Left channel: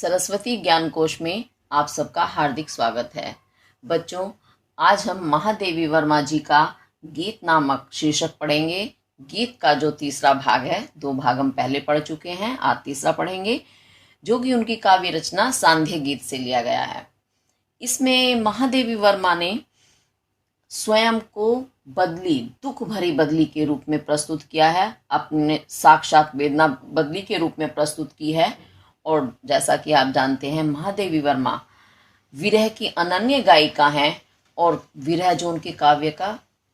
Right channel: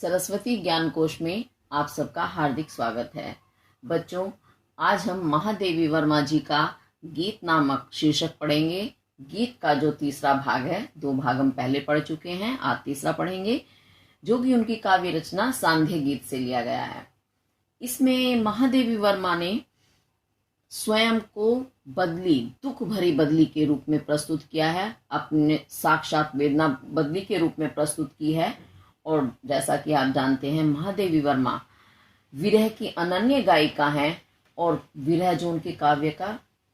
सरस्वती ज्ञान कोश में आप सबका हार्दिक स्वागत है। बच्चों, आज हम महादेवी वर्मा जी का गीत नामक शीर्षक पढ़ेंगे। गीत का जो तीसरा भाग है, दो भाग हम पहले पढ़ चुके हैं, आज तीसरा पढ़ेंगे, जो कि उनकी काव्य रचना सांध्य गीत से लिया गया है। इसमें महादेवी वर्मा ने स्वयं को बदली, दुख भरी बदली के रूप में प्रस्तुत किया है, अपने साक्षात वेदना बदली के रूप में प्रस्तुत की है। और जैसा कि आप जानते हैं, महादेवी वर्मा विरह की अनन्य गायिका हैं और विरह जो उनके काव्य का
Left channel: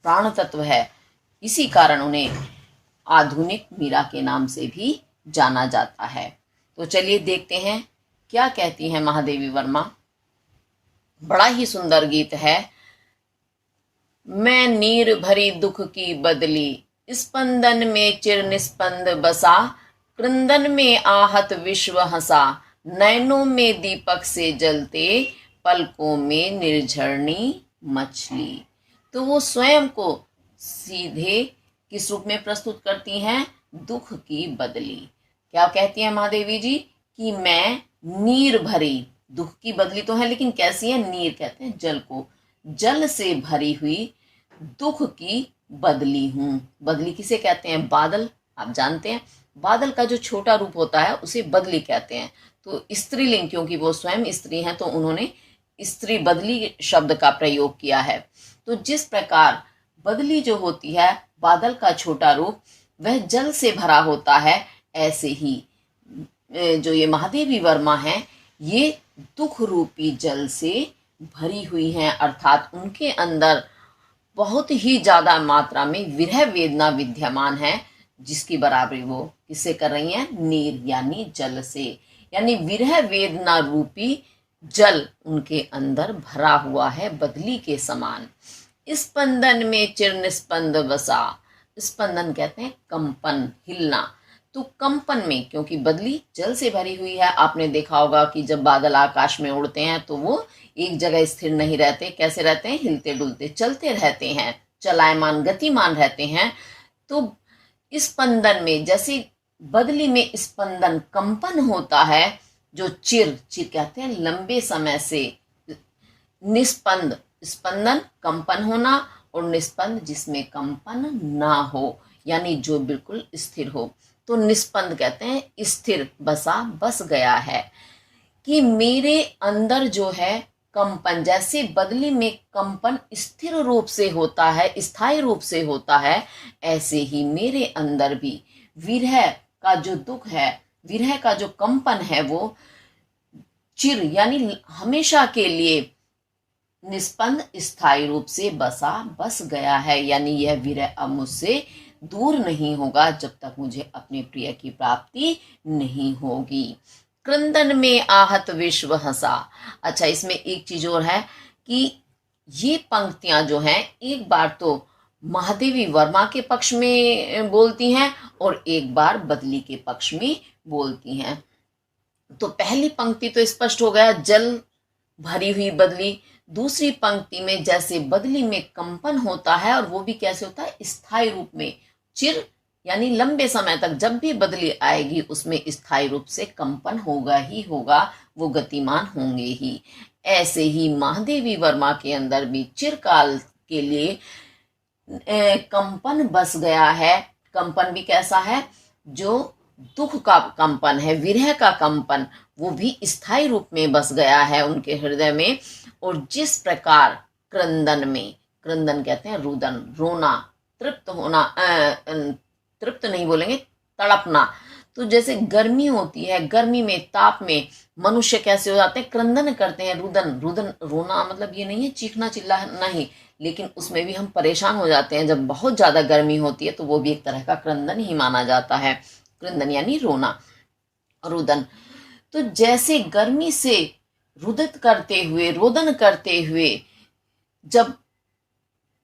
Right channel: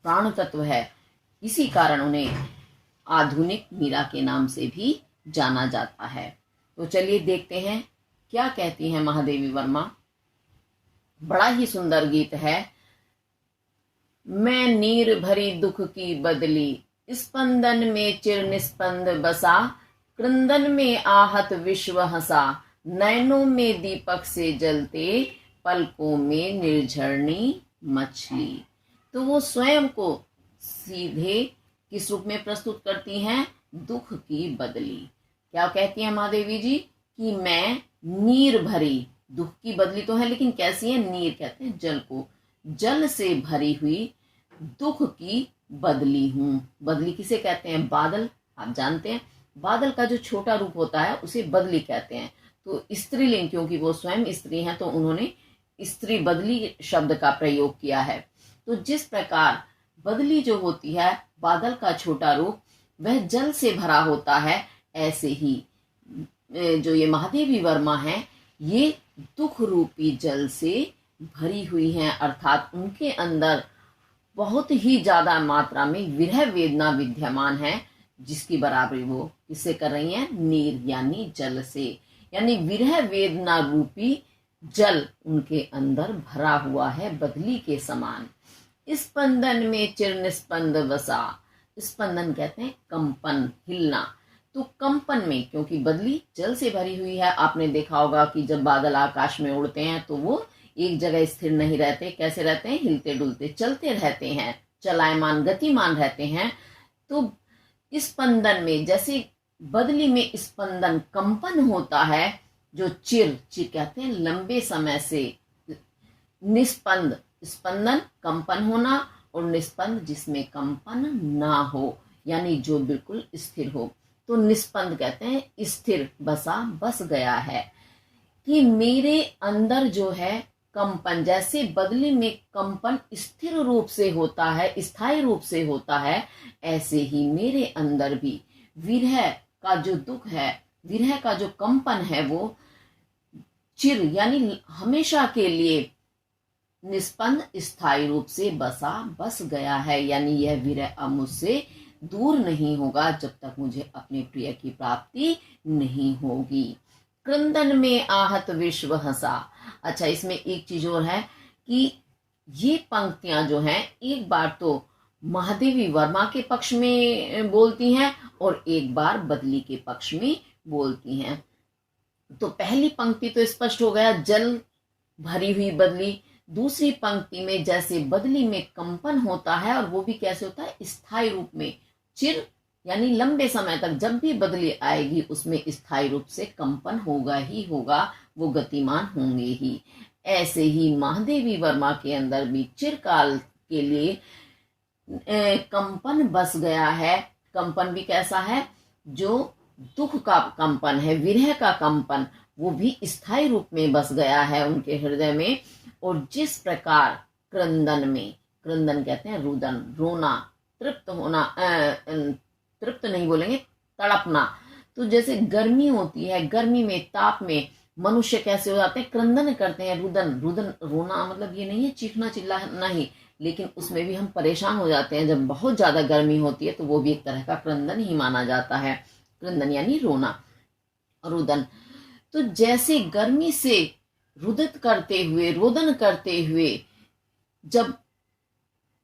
प्राण तत्व है, इसी कारण उन्हें आधुनिक मीरा के नाम से भी जाना जाता है। तो चलिए देखते हैं क्या कहती हैं महादेवी वर्मा। बड़ा ही सुंदर गीत है। मैं नीर भरी दुख की बदली, स्पंदन में चिर निस्पंद बसा, क्रंदन में आहत विश्व हंसा, नैनों में दीपक से जलते, पलकों में निर्झरणी मछली। तो वो स्वयं को सीधे किस रूप में प्रस्तुत करती हैं? दुख की बदली। क्या कहती हैं महादेवी जी कि मैं नीर भरी, दुख की बदली तो है लेकिन कैसी है? नीर कहते हैं जल को, जल से भरी हुई दुख की बदली हूं। बदली किसे कहते हैं? बादल। आप जानते हैं बादल का जो छोटा रूप होता है उसे बदली कहते हैं। तो स्त्रीलिंग, क्योंकि वो स्वयं स्त्री हैं, तो उन्होंने स्त्री बदली शब्द का प्रयोग किया है। तो जिस प्रकार बदली जो होती है, बादल का छोटा रूप, वह जल से भरा होता है, ऐसे ही जो ये महादेवी वर्मा है, ये दुख रूपी जल से भरी हुई हैं, अर्थात उनके अंदर बहुत ही ज्यादा मात्रा में विरह वेदना विद्यमान है, जिसकी बराबरी वो किससे कर रही हैं? नीर यानी जल से, यानी विरह वेदना रूपी जल उनके अंदर भरा हुआ है बदली के समान। स्पंदन में चिर निस्पंद बसा। स्पंदन कहते हैं कंपन, हिलना। तो कंपन में, क्योंकि बदली जल से भरी हुई है, आपने देखा होगा कि जब बादल आकाश में उड़ते हैं तो वो एक जगह स्थिर नहीं रहते। कैसे रहते हैं? हिलते डुलते, चलते रहते हैं, चलायमान, गतिमान रहते हैं। तो स्पंदन में, जैसे बदली में स्पंदन कंपन होता है, जो चिर, चिर कहते हैं लंबे समय से, निस्पंद, स्पंदन कंपन होना, और निस्पंद जिसमें कंपन ना हो, यानी जो बिल्कुल स्थिर हो। तो निस्पंद कहते हैं स्थिर, बसा, बस गया है। कि मेरे अंदर जो है कंपन, जैसे बदली में कंपन स्थिर रूप से होता है, स्थायी रूप से होता है, ऐसे ही मेरे अंदर भी विरह का जो दुख है, विरह का जो कंपन है, वो चिर यानी हमेशा के लिए निस्पंद स्थायी रूप से बसा, बस गया है। यानी यह विरह अब मुझसे दूर नहीं होगा जब तक मुझे अपने प्रिय की प्राप्ति नहीं होगी। क्रंदन में आहत विश्व हंसा। अच्छा, इसमें एक चीज और है कि ये पंक्तियां जो हैं, एक बार तो महादेवी वर्मा के पक्ष में बोलती हैं और एक बार बदली के पक्ष में बोलती हैं। तो पहली पंक्ति तो स्पष्ट हो गया, जल भरी हुई बदली। दूसरी पंक्ति में जैसे बदली में कंपन होता है, और वो भी कैसे होता है? स्थायी रूप में, चिर यानी लंबे समय तक जब भी बदली आएगी उसमें स्थायी रूप से कंपन होगा ही होगा, वो गतिमान होंगे ही। ऐसे ही महादेवी वर्मा के अंदर भी चिरकाल के लिए कंपन बस गया है। कंपन भी कैसा है? जो दुख का कंपन है, विरह का कंपन, वो भी स्थायी रूप में बस गया है उनके हृदय में। और जिस प्रकार क्रंदन में, क्रंदन कहते हैं रुदन, रोना, तृप्त होना, तृप्त नहीं बोलेंगे, तड़पना। तो जैसे गर्मी होती है, गर्मी में, ताप में मनुष्य कैसे हो जाते हैं? क्रंदन करते हैं। रुदन, रुदन, रोना मतलब ये नहीं है चीखना चिल्लाना ही, लेकिन उसमें भी हम परेशान हो जाते हैं जब बहुत ज्यादा गर्मी होती है, तो वो भी एक तरह का क्रंदन ही माना जाता है। क्रंदन यानी रोना, रुदन। तो जैसे गर्मी से रुदित करते हुए, रोदन करते हुए जब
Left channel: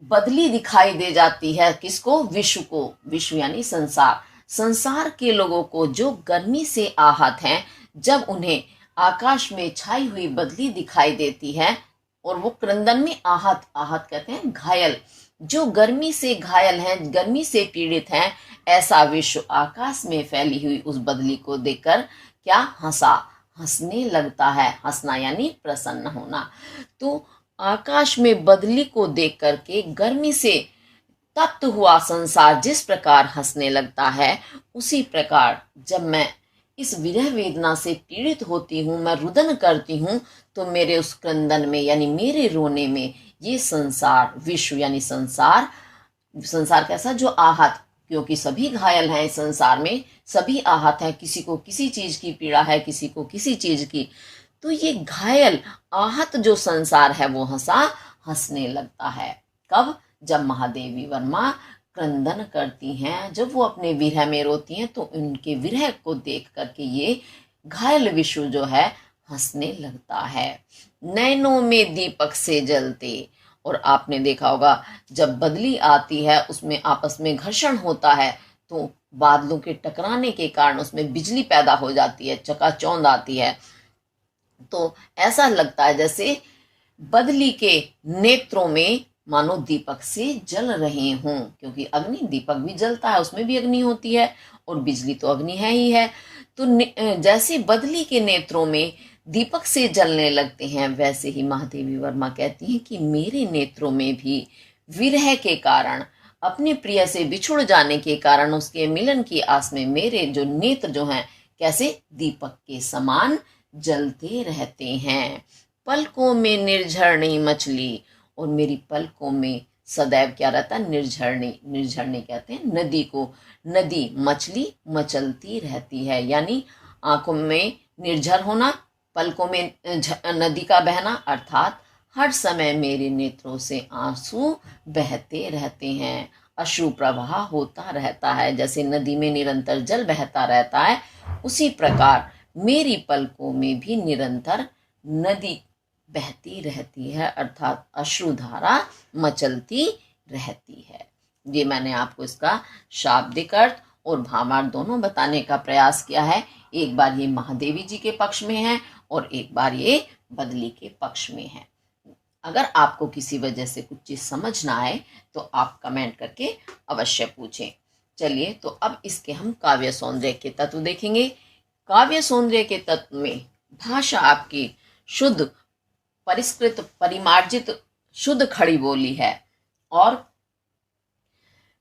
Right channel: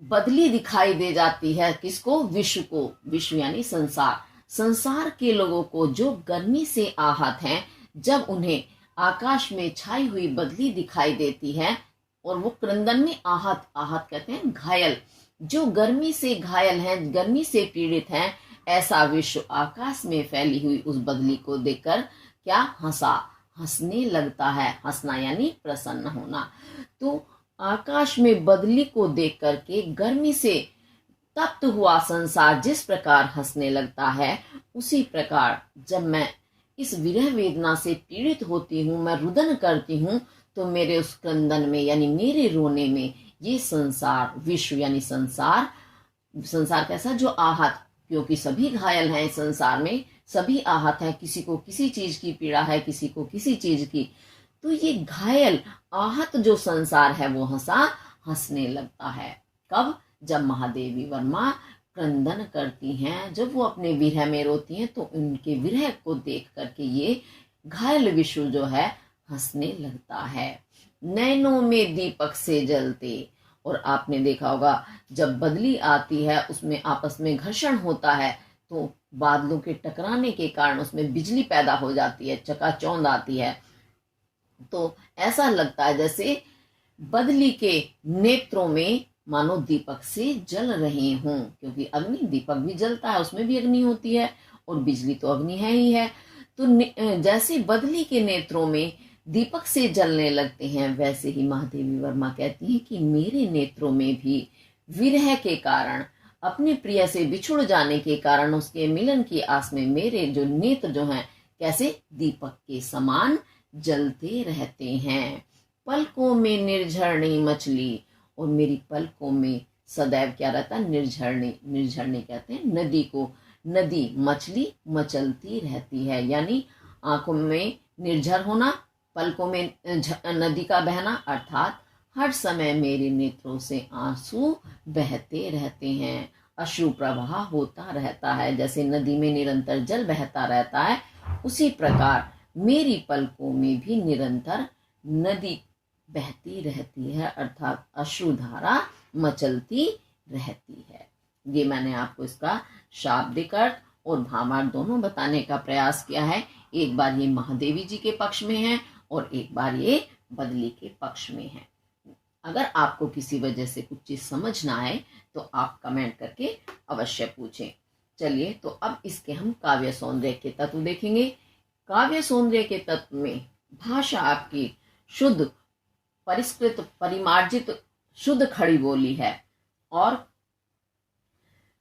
बदली दिखाई दे जाती है, किसको? विश्व को। विश्व यानी संसार, संसार के लोगों को जो गर्मी से आहत हैं, जब उन्हें आकाश में छाई हुई बदली दिखाई देती है, और वो क्रंदन में आहत, आहत कहते हैं घायल, जो गर्मी से घायल हैं, गर्मी से पीड़ित हैं, ऐसा विश्व आकाश में फैली हुई उस बदली को देखकर क्या? हंसा। हंसने लगता है। हंसना यानी प्रसन्न होना। तो आकाश में बदली को देख करके गर्मी से तप्त हुआ संसार जिस प्रकार हंसने लगता है, उसी प्रकार जब मैं इस विरह वेदना से पीड़ित होती हूँ, मैं रुदन करती हूँ, तो मेरे उस क्रंदन में यानी मेरे रोने में ये संसार, विश्व यानी संसार, संसार कैसा, जो आहत, क्योंकि सभी घायल हैं इस संसार में, सभी आहत हैं, किसी को किसी चीज की पीड़ा है, किसी को किसी चीज की, तो ये घायल आहत जो संसार है वो हंसने लगता है। कब? जब महादेवी वर्मा क्रंदन करती हैं, जब वो अपने विरह में रोती हैं, तो उनके विरह को देख करके ये घायल विश्व जो है हंसने लगता है। नैनों में दीपक से जलते, और आपने देखा होगा जब बदली आती है उसमें आपस में घर्षण होता है, तो बादलों के टकराने के कारण उसमें बिजली पैदा हो जाती है, चकाचौंध आती है, तो ऐसा लगता है जैसे बदली के नेत्रों में मानो दीपक से जल रहे हों, क्योंकि अग्नि, दीपक भी जलता है, उसमें भी अग्नि होती है, और बिजली तो अग्नि है ही है। तो जैसे बदली के नेत्रों में दीपक से जलने लगते हैं, वैसे ही महादेवी वर्मा कहती हैं कि मेरे नेत्रों में भी विरह के कारण, अपने प्रिय से बिछुड़ जाने के कारण, उसके मिलन की आस में मेरे जो नेत्र जो हैं कैसे दीपक के समान जलते रहते हैं। पलकों में निर्झरणी मछली, और मेरी पलकों में सदैव क्या रहता है? निर्झरणी। निर्झरणी कहते हैं नदी को, नदी मछली मचलती रहती है, यानी आंखों में निर्झर होना, पलकों में नदी का बहना, अर्थात हर समय मेरे नेत्रों से आंसू बहते रहते हैं, अश्रु प्रवाह होता रहता है। जैसे नदी में निरंतर जल बहता रहता है, उसी प्रकार मेरी पलकों में भी निरंतर नदी बहती रहती है, अर्थात अश्रुधारा मचलती रहती है। ये मैंने आपको इसका शाब्दिक अर्थ और भावार्थ दोनों बताने का प्रयास किया है। एक बार ये महादेवी जी के पक्ष में है और एक बार ये बदली के पक्ष में है। अगर आपको किसी वजह से कुछ चीज समझ ना आए तो आप कमेंट करके अवश्य पूछें। चलिए, तो अब इसके हम काव्य सौंदर्य के तत्व देखेंगे। काव्य सौंदर्य के तत्व में भाषा आपकी शुद्ध, परिष्कृत, परिमार्जित, शुद्ध खड़ी बोली है, और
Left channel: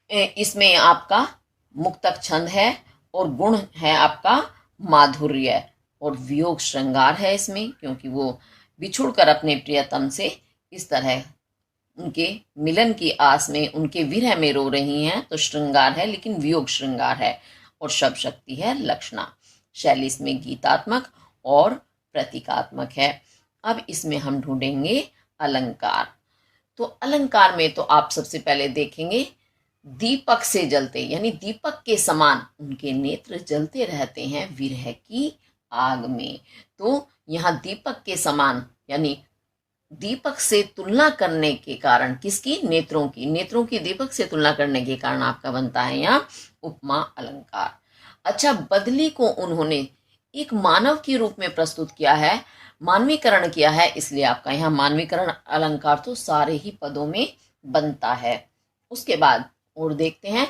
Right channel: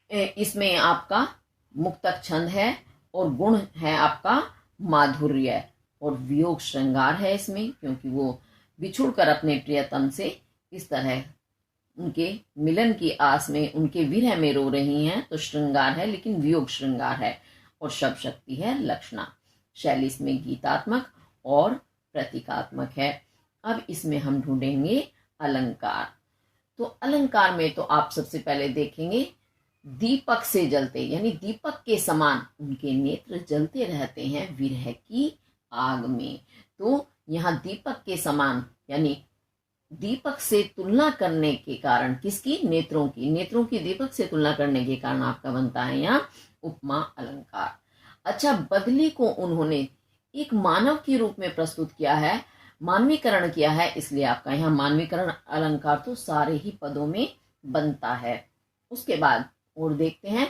इसमें आपका मुक्तक छंद है, और गुण है आपका माधुर्य, और वियोग श्रृंगार है इसमें, क्योंकि वो बिछुड़ कर अपने प्रियतम से इस तरह उनके मिलन की आस में, उनके विरह में रो रही हैं, तो श्रृंगार है, लेकिन वियोग श्रृंगार है, और शब्द शक्ति है लक्षणा। शैली इसमें गीतात्मक और प्रतीकात्मक है। अब इसमें हम ढूंढेंगे अलंकार। तो अलंकार में तो आप सबसे पहले देखेंगे दीपक से जलते, यानी दीपक के समान उनके नेत्र जलते रहते हैं विरह की आग में। तो यहाँ दीपक के समान यानी दीपक से तुलना करने के कारण, किसकी? नेत्रों की, नेत्रों की दीपक से तुलना करने के कारण आपका बनता है यहाँ उपमा अलंकार। अच्छा, बदली को उन्होंने एक मानव के रूप में प्रस्तुत किया है, मानवीकरण किया है, इसलिए आपका यहाँ मानवीकरण अलंकार तो सारे ही पदों में बनता है। उसके बाद और देखते हैं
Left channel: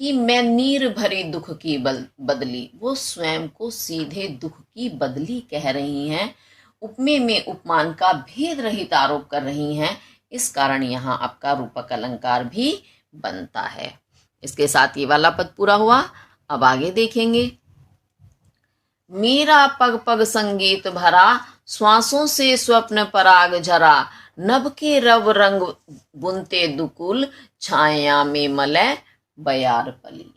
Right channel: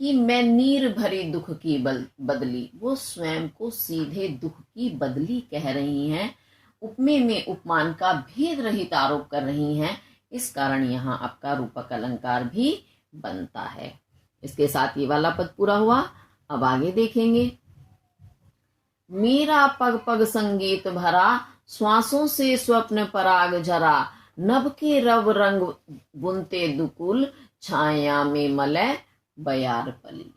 कि मैं नीर भरे दुख की बदली, वो स्वयं को सीधे दुख की बदली कह रही हैं, उपमे में उपमान का भेद रहित आरोप कर रही हैं, इस कारण यहाँ आपका रूपक अलंकार भी बनता है। इसके साथ ये वाला पद पूरा हुआ। अब आगे देखेंगे, मेरा पग पग संगीत भरा, श्वासों से स्वप्न पराग झरा, नभ के रव रंग बुनते दुकुल, छाया में मलय बयार पली।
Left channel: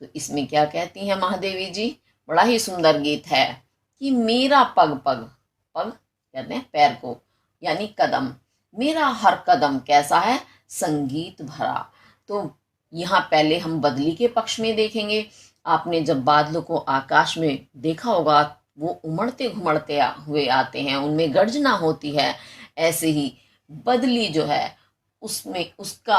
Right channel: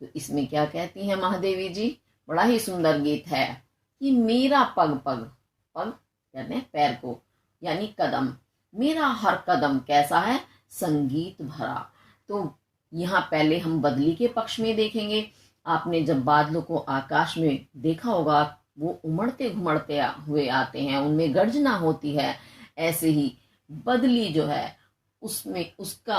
तो इसमें क्या कहती हैं महादेवी जी? बड़ा ही सुंदर गीत है कि मेरा पग पग, पग कहते हैं पैर को, यानी कदम, मेरा हर कदम कैसा है? संगीत भरा। तो यहाँ पहले हम बदली के पक्ष में देखेंगे। आपने जब बादलों को आकाश में देखा होगा, वो उमड़ते घुमड़ते हुए आते हैं, उनमें गर्जना होती है, ऐसे ही बदली जो है उसमें उसका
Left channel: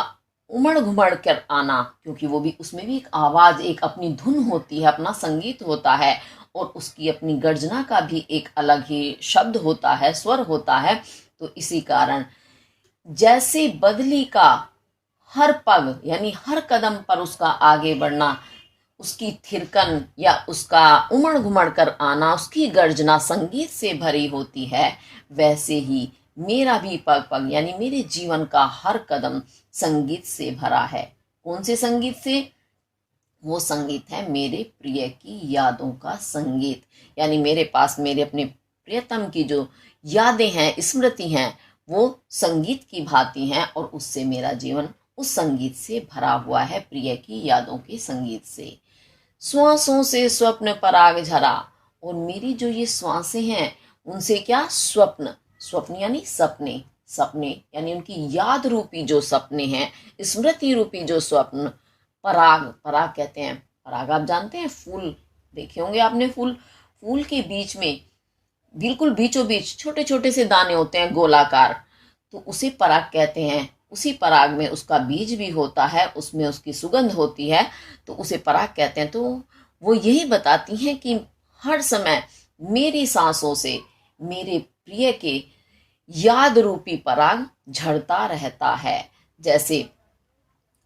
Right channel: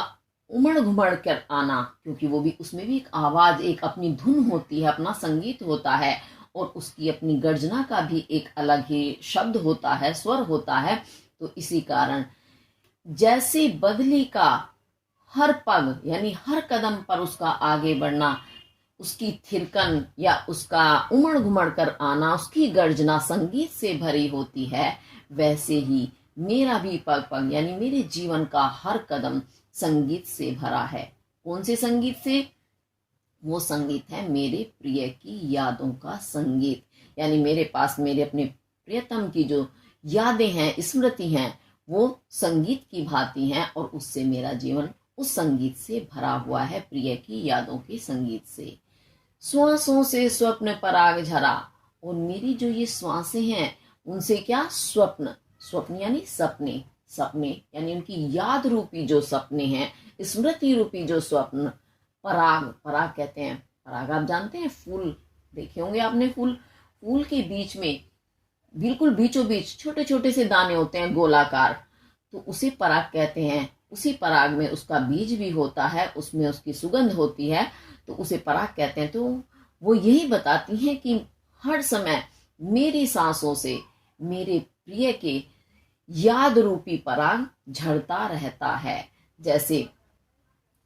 उमड़ घुमड़ कर आना, क्योंकि वो भी, उसमें भी एक आवाज, एक अपनी धुन होती है, अपना संगीत होता है, और उसकी अपनी गर्जना का भी एक अलग ही शब्द होता है, स्वर होता है। तो इसी कारण जैसे बदली का हर पग यानी हर कदम पर उसका आगे बढ़ना, उसकी थिरकन या उसका उमड़ घुमड़ कर आना, उसकी गर्जना संगीत से भरी होती है, वैसे ही मेरा भी पग पग यानी मेरे जीवन का हर कदम संगीत से भरा है। कौन से संगीत से? वो संगीत है मेरे प्रिय की यादों का संगीत। यानी मेरे पास मेरे अपने प्रियतम की जो यादें हैं, स्मृति हैं, वो संगीत की भांति हैं और उससे मेरा जीवन उस संगीत से भरा हुआ है, प्रिय की यादों के संगीत से। श्वासों से स्वप्न पराग झरा, और मेरी जो ये श्वासें हैं उनसे क्या? स्वप्न, स्वप्न यानी सपने, सपने यानी उनकी याद रूपी जो सपने हैं, स्मृति रूपी जो स्वप्न। पराग, पराग कहते हैं, पराग आप जानते हैं, फूल देखे होंगे आपने, फूल, फूल के बीच में बिल्कुल बीचों बीच छोटे छोटे से दाने होते हैं गोलाकार, तो उसे पराग कहते हैं। उसी पराग में उसका बीज भी होता है, उसमें उसकी सुगंध होती है, तो उसे पराग कहते हैं। तो वो यही बताती हैं कि हर समय मेरी सांसों से मेरे प्रिय के याद रूपी पराग झड़ता रहता है। जैसे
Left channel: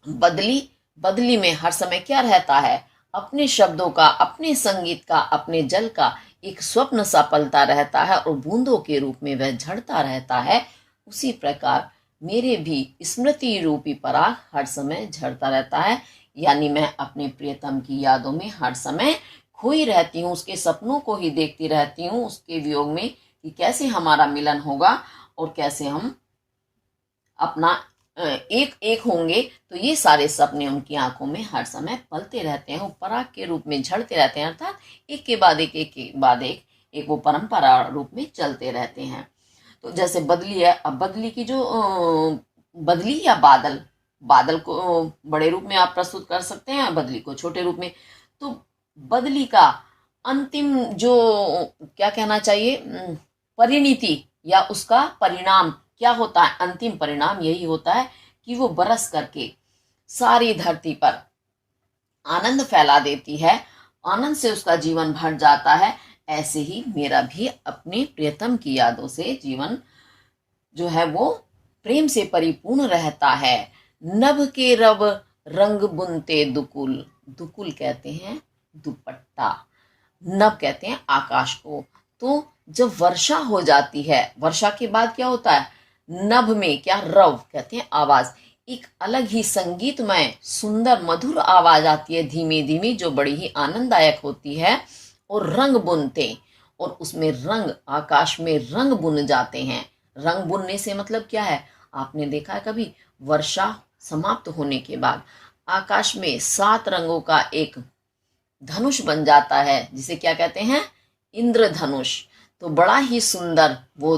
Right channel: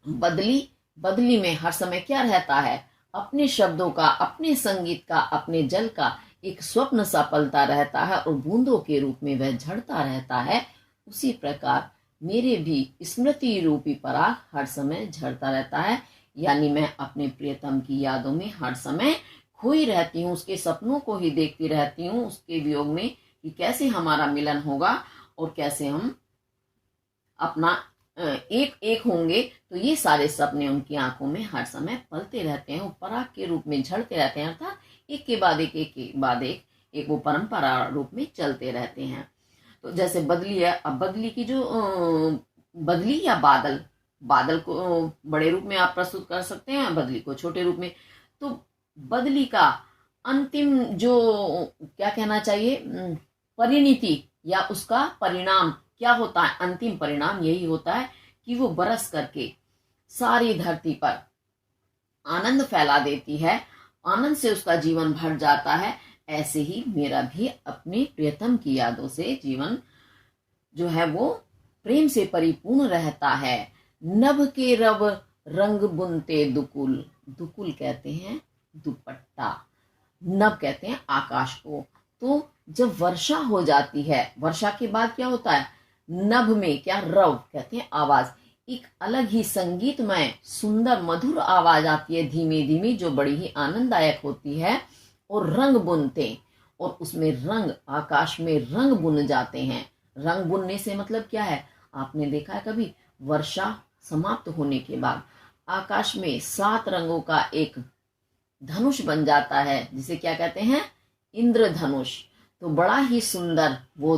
बदली, बदली में हर समय क्या रहता है? अपने शब्दों का, अपने संगीत का, अपने जल का एक स्वप्न सा पलता रहता है और बूंदों के रूप में वह झड़ता रहता है। उसी प्रकार मेरे भी स्मृति रूपी पराग हर समय झड़ता रहता है। यानी मैं अपने प्रियतम की यादों में हर समय खोई रहती हूँ, उसके सपनों को ही देखती रहती हूँ, उसके वियोग में कि कैसे हमारा मिलन होगा और कैसे हम अपना एक एक होंगे। तो ये सारे सपने उनकी आंखों में हर समय पलते रहते हैं, वो पराग के रूप में झड़ते रहते हैं, अर्थात एक के बाद एक, एक के बाद एक वो परंपरा रूप में चलते रहते हैं। तो जैसे बदली है, अब बदली की जो बदली या बादल, बादल को बड़े रूप में आप प्रस्तुत कर सकते हैं, बदली को छोटे रूप में। तो बदली का अंतिम जो क्या कहना चाहिए, परिणति या उसका परिणाम क्या होता है? अंतिम परिणाम यही होता है कि वो बरस करके सारी धरती पर आनंद फैला देती है, आनंद से उसका जीवन भर जाता है। ऐसे ही मेरा भी अपने प्रियतम की यादों से जीवन जो है वो प्रेम से परिपूर्ण रहता है। नभ के रब रंग बुनते दुकुल, दुकुल कहते हैं दुपट्टा, नभ कहते हैं आकाश को। तो जब वर्षा हो जाती है, वर्षा के बाद क्या होता है? नभ में क्या? रव कहते हैं आवाज, एक अलग ही संगीतमय सुंदर मधुर आवाज आती है, धीमे धीमे, जो बड़ी ही आनंददायक होती है। और रंग बुनते, और उसमें रंग, आकाश में रंग बुन जाते हैं। रंग बुनने से मतलब क्या है? आपने देखा है कभी वर्षा समाप्त होने के बाद आकाश में 7 रंगों का एक धनुष बन जाता है, जिसे क्या कहते हैं? इंद्रधनुष। तो बड़ा ही सुंदर वो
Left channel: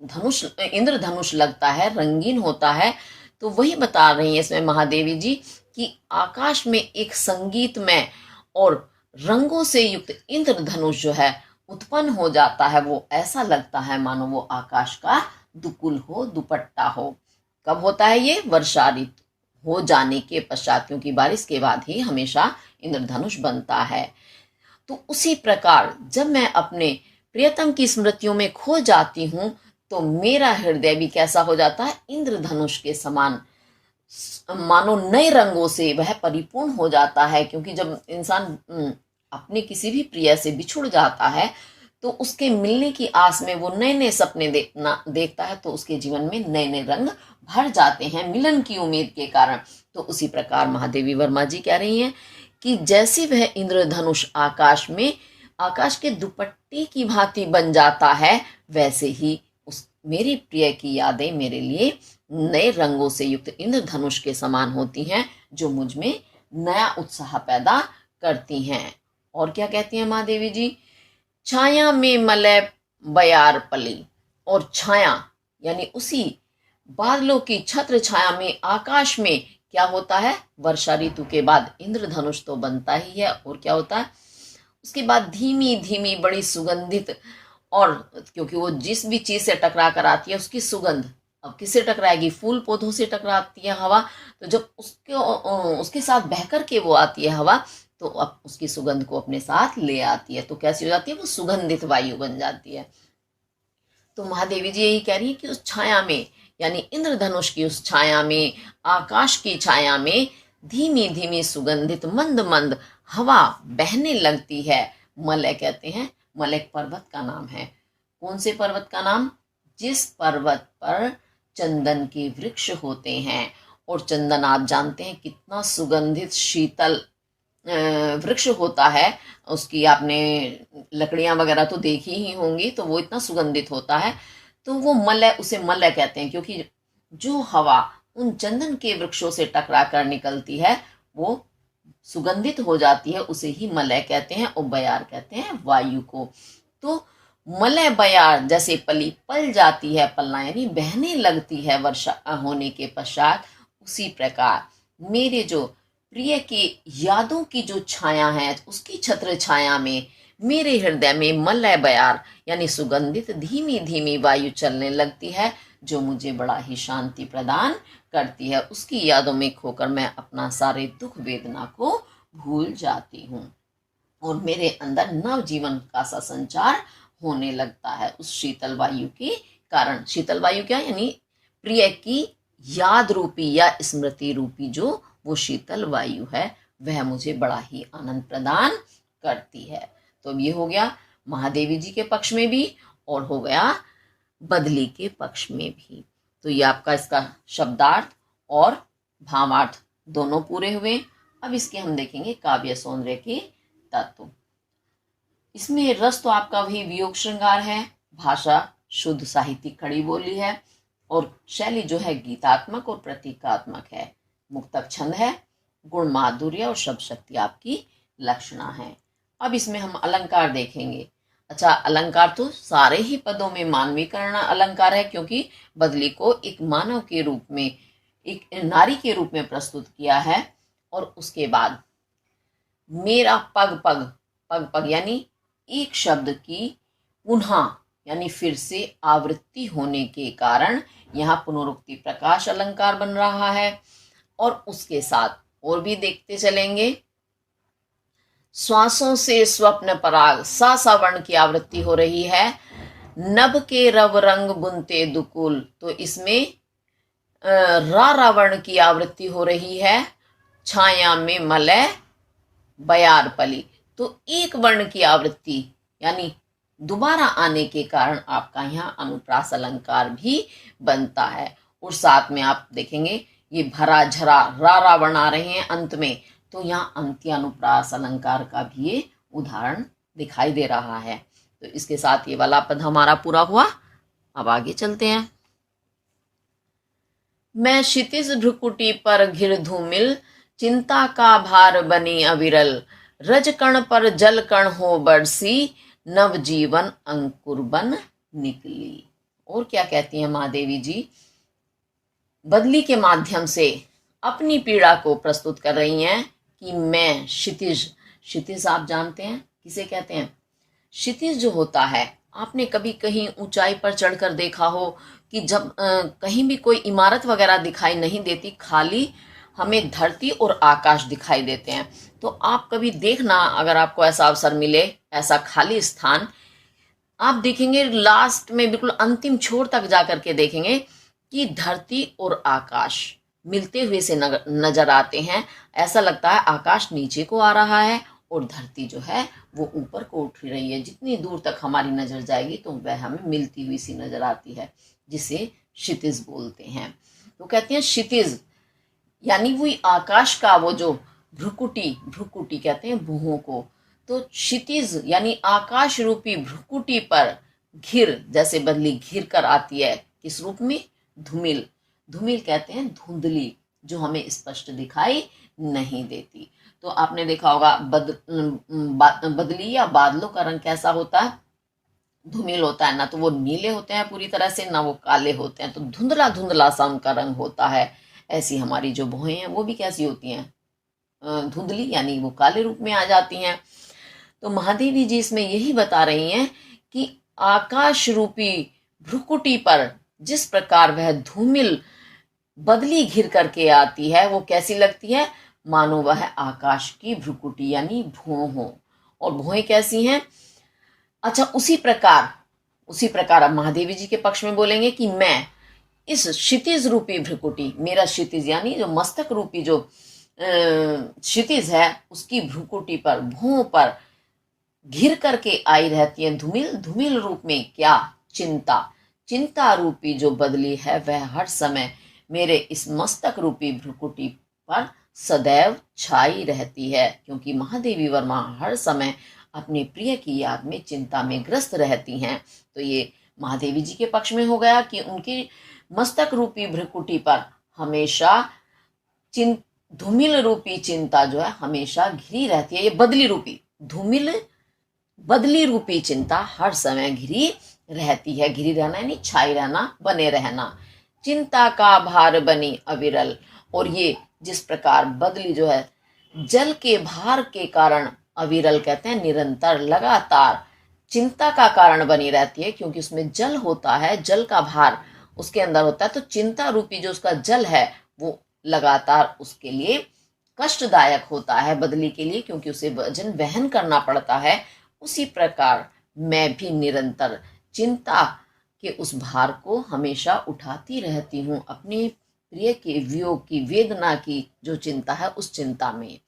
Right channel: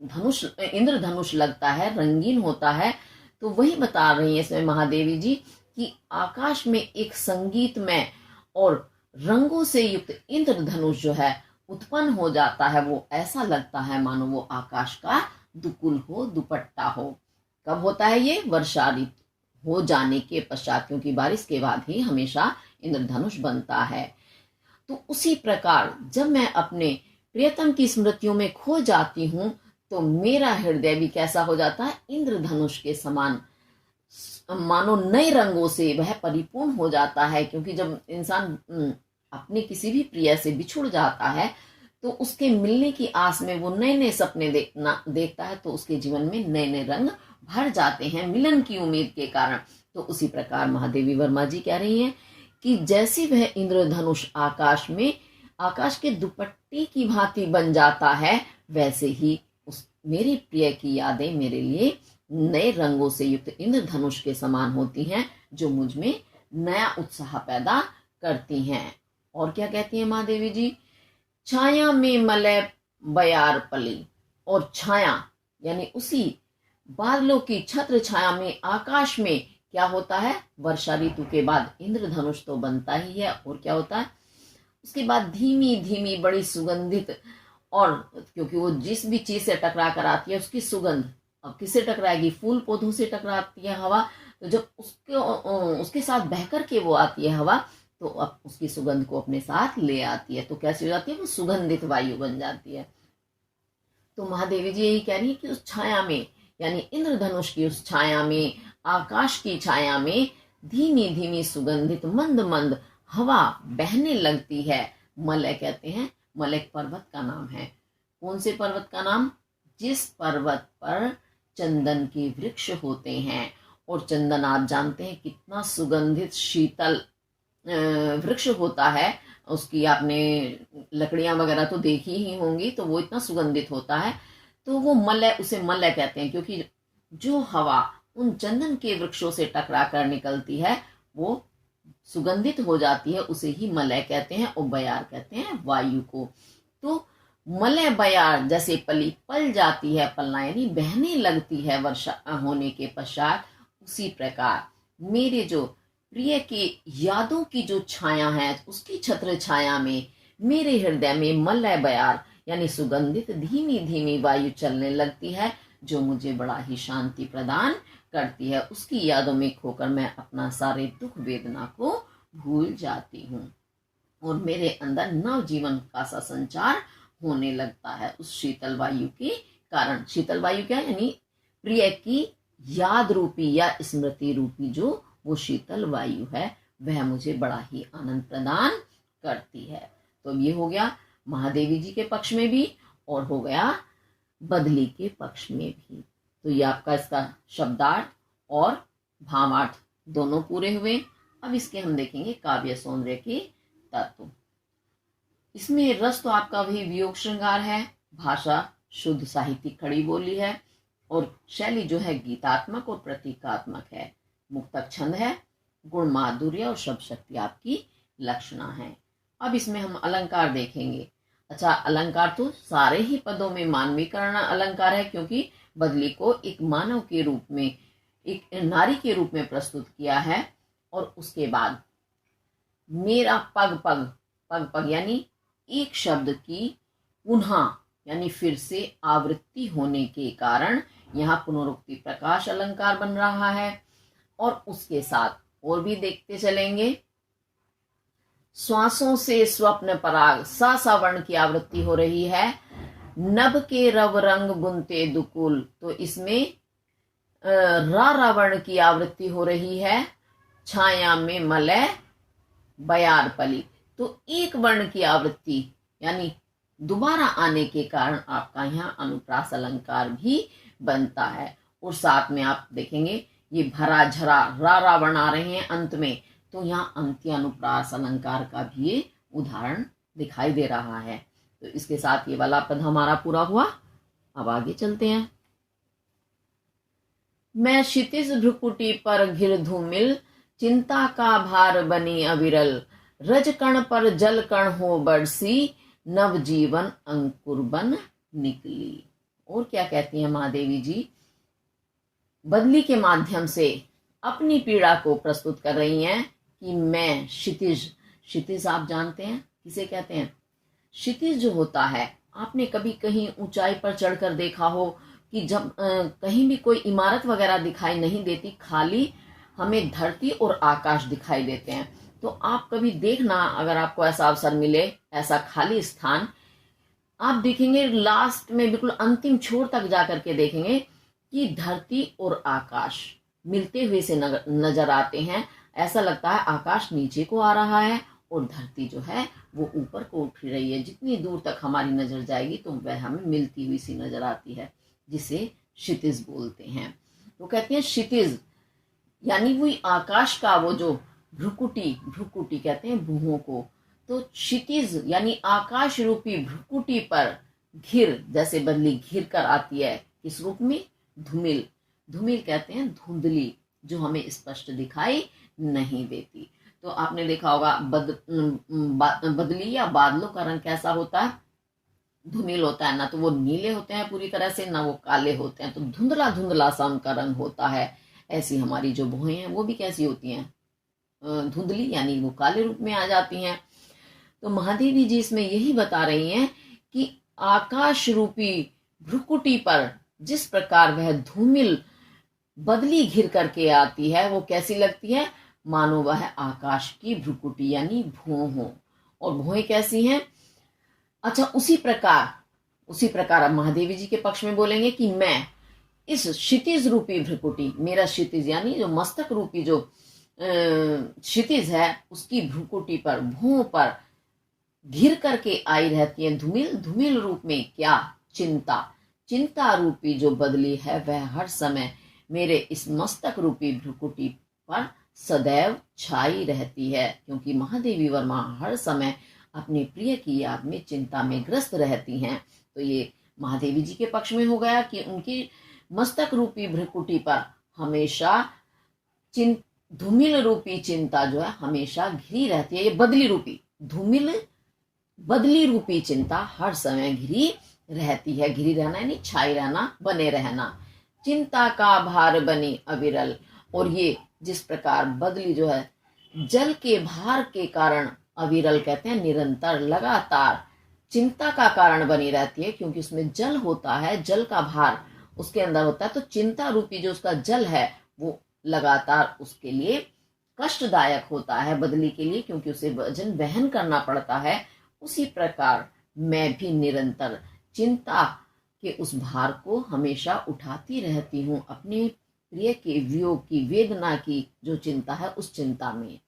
धनुष, इंद्रधनुष लगता है, रंगीन होता है। तो वही बता रही है इसमें महादेवी जी कि आकाश में एक संगीतमय और रंगों से युक्त इंद्रधनुष जो है उत्पन्न हो जाता है। वो ऐसा लगता है मानो वो आकाश का दुकुल हो, दुपट्टा हो। कब होता है ये? वर्षा ऋतु हो जाने के पश्चात, क्योंकि बारिश के बाद ही हमेशा इंद्रधनुष बनता है। तो उसी प्रकार जब मैं अपने प्रियतम की स्मृतियों में खो जाती हूँ, तो मेरा हृदय भी कैसा हो जाता है? इंद्रधनुष के समान, मानो नए रंगों से वह परिपूर्ण हो जाता है। क्योंकि जब इंसान अपने किसी भी प्रिय से बिछुड़ जाता है, तो उसके मिलने की आस में वो नए नए सपने देखता है, तो उसके जीवन में नए नए रंग भर जाते हैं मिलन की उम्मीद के कारण। तो उसी प्रकार महादेवी वर्मा जी कह रही हैं कि जैसे वह इंद्रधनुष आकाश में, आकाश के दुपट्टे की भांति बन जाता है, वैसे ही उस मेरी प्रिय की यादें मेरे लिए नए रंगों से युक्त इंद्रधनुष के समान होती हैं, जो मुझ में नया उत्साह पैदा करती हैं। और क्या कहती हैं महादेवी जी? छाया में मलय बयार पली, और छाया यानी उसी बादलों की छत्र छाया में आकाश में क्या होता है? वर्षा ऋतु के बाद इंद्रधनुष तो बनता ही है, और क्या होता है उसके बाद? धीमी धीमी बड़ी सुगंधित, और क्योंकि वो जिस भी चीज से टकरा कर आती है उसकी सुगंध, अब किससे टकराएगी? फूल पौधों से टकराती है हवा। तो जब उसके साथ बहकर के वो आती है हवा, तो अब उसकी सुगंध को अपने साथ ले आती है। तो कैसी हो जाती है? वो सुगंधित वायु बन जाती है। तो महादेवी जी यही कह रही है कि उस छाया में, यानी इंद्रधनुष की उस छाया में, आकाश की छाया में धीमी धीमी सुगंधित मंद मंद हवा बहने लगती है। मलय कहते हैं, मलय एक पर्वत का नाम है। कौन से पर्वत का नाम? जिस पर्वत पर चंदन के वृक्ष होते हैं। और चंदन आप जानते हैं कितना सुगंधित शीतल वृक्ष होता है। उसकी आपने लकड़ियां वगैरह तो देखी ही होंगी, तो वो इतना सुगंधित होता है। तो वो मलय, उसे मलय कहते हैं, क्योंकि जो हवा उन चंदन के वृक्षों से टकरा कर निकलती है वो सुगंधित हो जाती है, उसे ही मलय कहते हैं। और बयार कहते हैं वायु को। तो मलय बयार जैसे पली पल जाती है, पलना यानी बहने लगती है वर्षा होने के पश्चात, उसी प्रकार मेरे जो प्रिय की यादों की जो छाया है, उसकी छत्र छाया में मेरे हृदय में मलय बयार यानी सुगंधित धीमी धीमी वायु चलने लगती है, जो मुझे बड़ा ही शांति प्रदान करती है। उसकी यादों में खोकर मैं अपना सारे दुख वेदना को भूल जाती हूँ और मेरे अंदर नव जीवन का सा संचार होने लगता है उस शीतल वायु के कारण। शीतल वायु क्या? यानी प्रिय की याद रूपी या स्मृति रूपी जो वो शीतल वायु है, वह मुझे बड़ा ही आनंद प्रदान करती है। तो ये हो गया महादेवी जी के पक्ष में भी और हो गया बदली के पक्ष में भी। तो ये आपका इसका शब्दार्थ और भावार्थ दोनों पूरे हुए। अब इसके हम देखेंगे काव्य सौंदर्य के तत्व। इसमें रस तो आपका वही वियोग श्रृंगार है, भाषा शुद्ध साहित्यिक खड़ी बोली है और शैली जो है गीतात्मक और प्रतीकात्मक है। मुक्तक छंद है, गुण माधुर्य और शब्द शक्ति आपकी लक्षणा है। अब इसमें हम अलंकार देखेंगे। अच्छा, अलंकार तो सारे ही पदों में मानवीकरण अलंकार है, क्योंकि बदली को एक मानव के रूप में, एक नारी के रूप में प्रस्तुत किया है। और उसके बाद मेरा पग पग, पग पग यानी एक शब्द की पुनः यानी फिर से आवृत्ति होने के कारण यहाँ पुनरुक्ति प्रकाश अलंकार बन रहा है। और उसके साथ और भी देखते चलेंगे। श्वासों से स्वप्न पराग, सा सा वर्ण की आवृत्ति हो रही है। नभ के रव रंग बुनते दुकुल, तो इसमें रा रावण की आवृत्ति हो रही है। छाया में मलय बयार पली, तो एक वर्ण की आवृत्ति यानी दोबारा आने के कारण आपका यहाँ अनुप्रास अलंकार भी बनता है। और साथ में आप देखेंगे ये भरा झरा रा रावण आ रहे हैं अंत में, तो यहाँ अंत्यानुप्रास अलंकार का भी ये उदाहरण दिखाई दे रहा है। तो इसके साथ ये वाला पद हमारा पूरा हुआ। अब आगे चलते हैं। मैं क्षितिज भ्रुकुटी पर घिर धूमिल, चिंता का भार बनी अविरल, रजकण पर जल कण हो बरसी, नवजीवन अंकुर बन निकली। और क्या कहती हैं महादेवी जी? बदली के माध्यम से अपनी पीड़ा को प्रस्तुत कर रही हैं कि मैं क्षितिज, क्षितिज आप जानते हैं किसे कहते हैं? क्षितिज जो होता है, आपने कभी कहीं ऊंचाई पर चढ़कर देखा हो कि जब कहीं भी कोई इमारत वगैरह दिखाई नहीं देती, खाली हमें धरती और आकाश दिखाई देते हैं। तो आप कभी देखना, अगर आपको ऐसा अवसर मिले, ऐसा खाली स्थान आप देखेंगे, लास्ट में बिल्कुल अंतिम छोर तक जाकर के देखेंगे कि धरती और आकाश मिलते हुए से नजर आते हैं। ऐसा लगता है आकाश नीचे को आ रहा है और धरती जो है वो ऊपर को उठ रही है। जितनी दूर तक हमारी नजर जाएगी तो वह हमें मिलती हुई सी नजर आती है, जिसे क्षितिज बोलते हैं। तो कहते हैं क्षितिज यानी वही आकाश का वो जो भ्रुकुटी, भ्रुकुटी कहते हैं भुहों को। तो क्षितिज यानी आकाश रूपी भ्रुकुटी पर घिर, जैसे बदली घिर कर आती है, किस रूप में? धूमिल। धूमिल कहते हैं धुंधली, जो हमें स्पष्ट दिखाई नहीं देती। तो आपने देखा होगा बदली या बादलों का रंग कैसा होता है? धूमिल होता है ना, तो वो नीले होते हैं पूरी तरह से, ना वो काले होते हैं, तो धुंधला धुंधला सा उनका रंग होता है। ऐसी हमारी जो भुएं हैं वो भी कैसी होती हैं? धुंधली, यानी वो काले रूप में आ जाती हैं। तो महादेवी जी इसमें यही बता रही हैं कि आकाश रूपी भ्रुकुटी पर जिस प्रकार वह धूमिल बदली घिर करके आती है, वो कैसी लगती है? मानो वह आकाश की भ्रुकुटी यानी भुओं हो। और भुएं कैसी हैं? अच्छा, उसी प्रकार अब महादेवी जी के पक्ष में बोलेंगे कि मैं इस क्षितिज रूपी भ्रुकुटी, मेरा क्षितिज यानी जो मस्तक रूपी जो क्षितिज है उसकी भ्रुकुटी पर, भुओं पर घिर करके आई रहती है धूमिल। धूमिल रूप में क्या? चिंता। चिंता रूपी जो बदली है वह हर समय मेरे इस मस्तक रूपी भ्रुकुटी पर सदैव छाई रहती है, क्योंकि महादेवी वर्मा हर समय अपने प्रिय की याद में चिंता में ग्रस्त रहती हैं। तो ये महादेवी जी के पक्ष में हो गया कि उनकी मस्तक रूपी भ्रुकुटी पर हमेशा धूमिल रूपी चिंता जो है हमेशा घिरी रहती है। ये बदली रूपी धूमिल, बदली रूपी चिंता हर समय घिरी रहती है। घिरी रहना यानी छाई रहना, बने रहना। चिंता का भार बनी अविरल, और ये जिस प्रकार बदली जो है जल के भार के कारण, अविरल कहते हैं निरंतर, लगातार चिंता का कारण बनी रहती है, क्योंकि उसमें जल होता है, जल का भार उसके अंदर होता है। तो चिंता रूपी जो उसका जल है वो लगातार उसके लिए कष्टदायक होता है, बदली के लिए, क्योंकि उसे वजन वहन करना पड़ता है। उसी प्रकार मैं भी निरंतर चिंता के उस भार को हमेशा उठाती रहती हूँ, अपने प्रिय के वियोग की, वेदना की जो चिंता है उस चिंता में।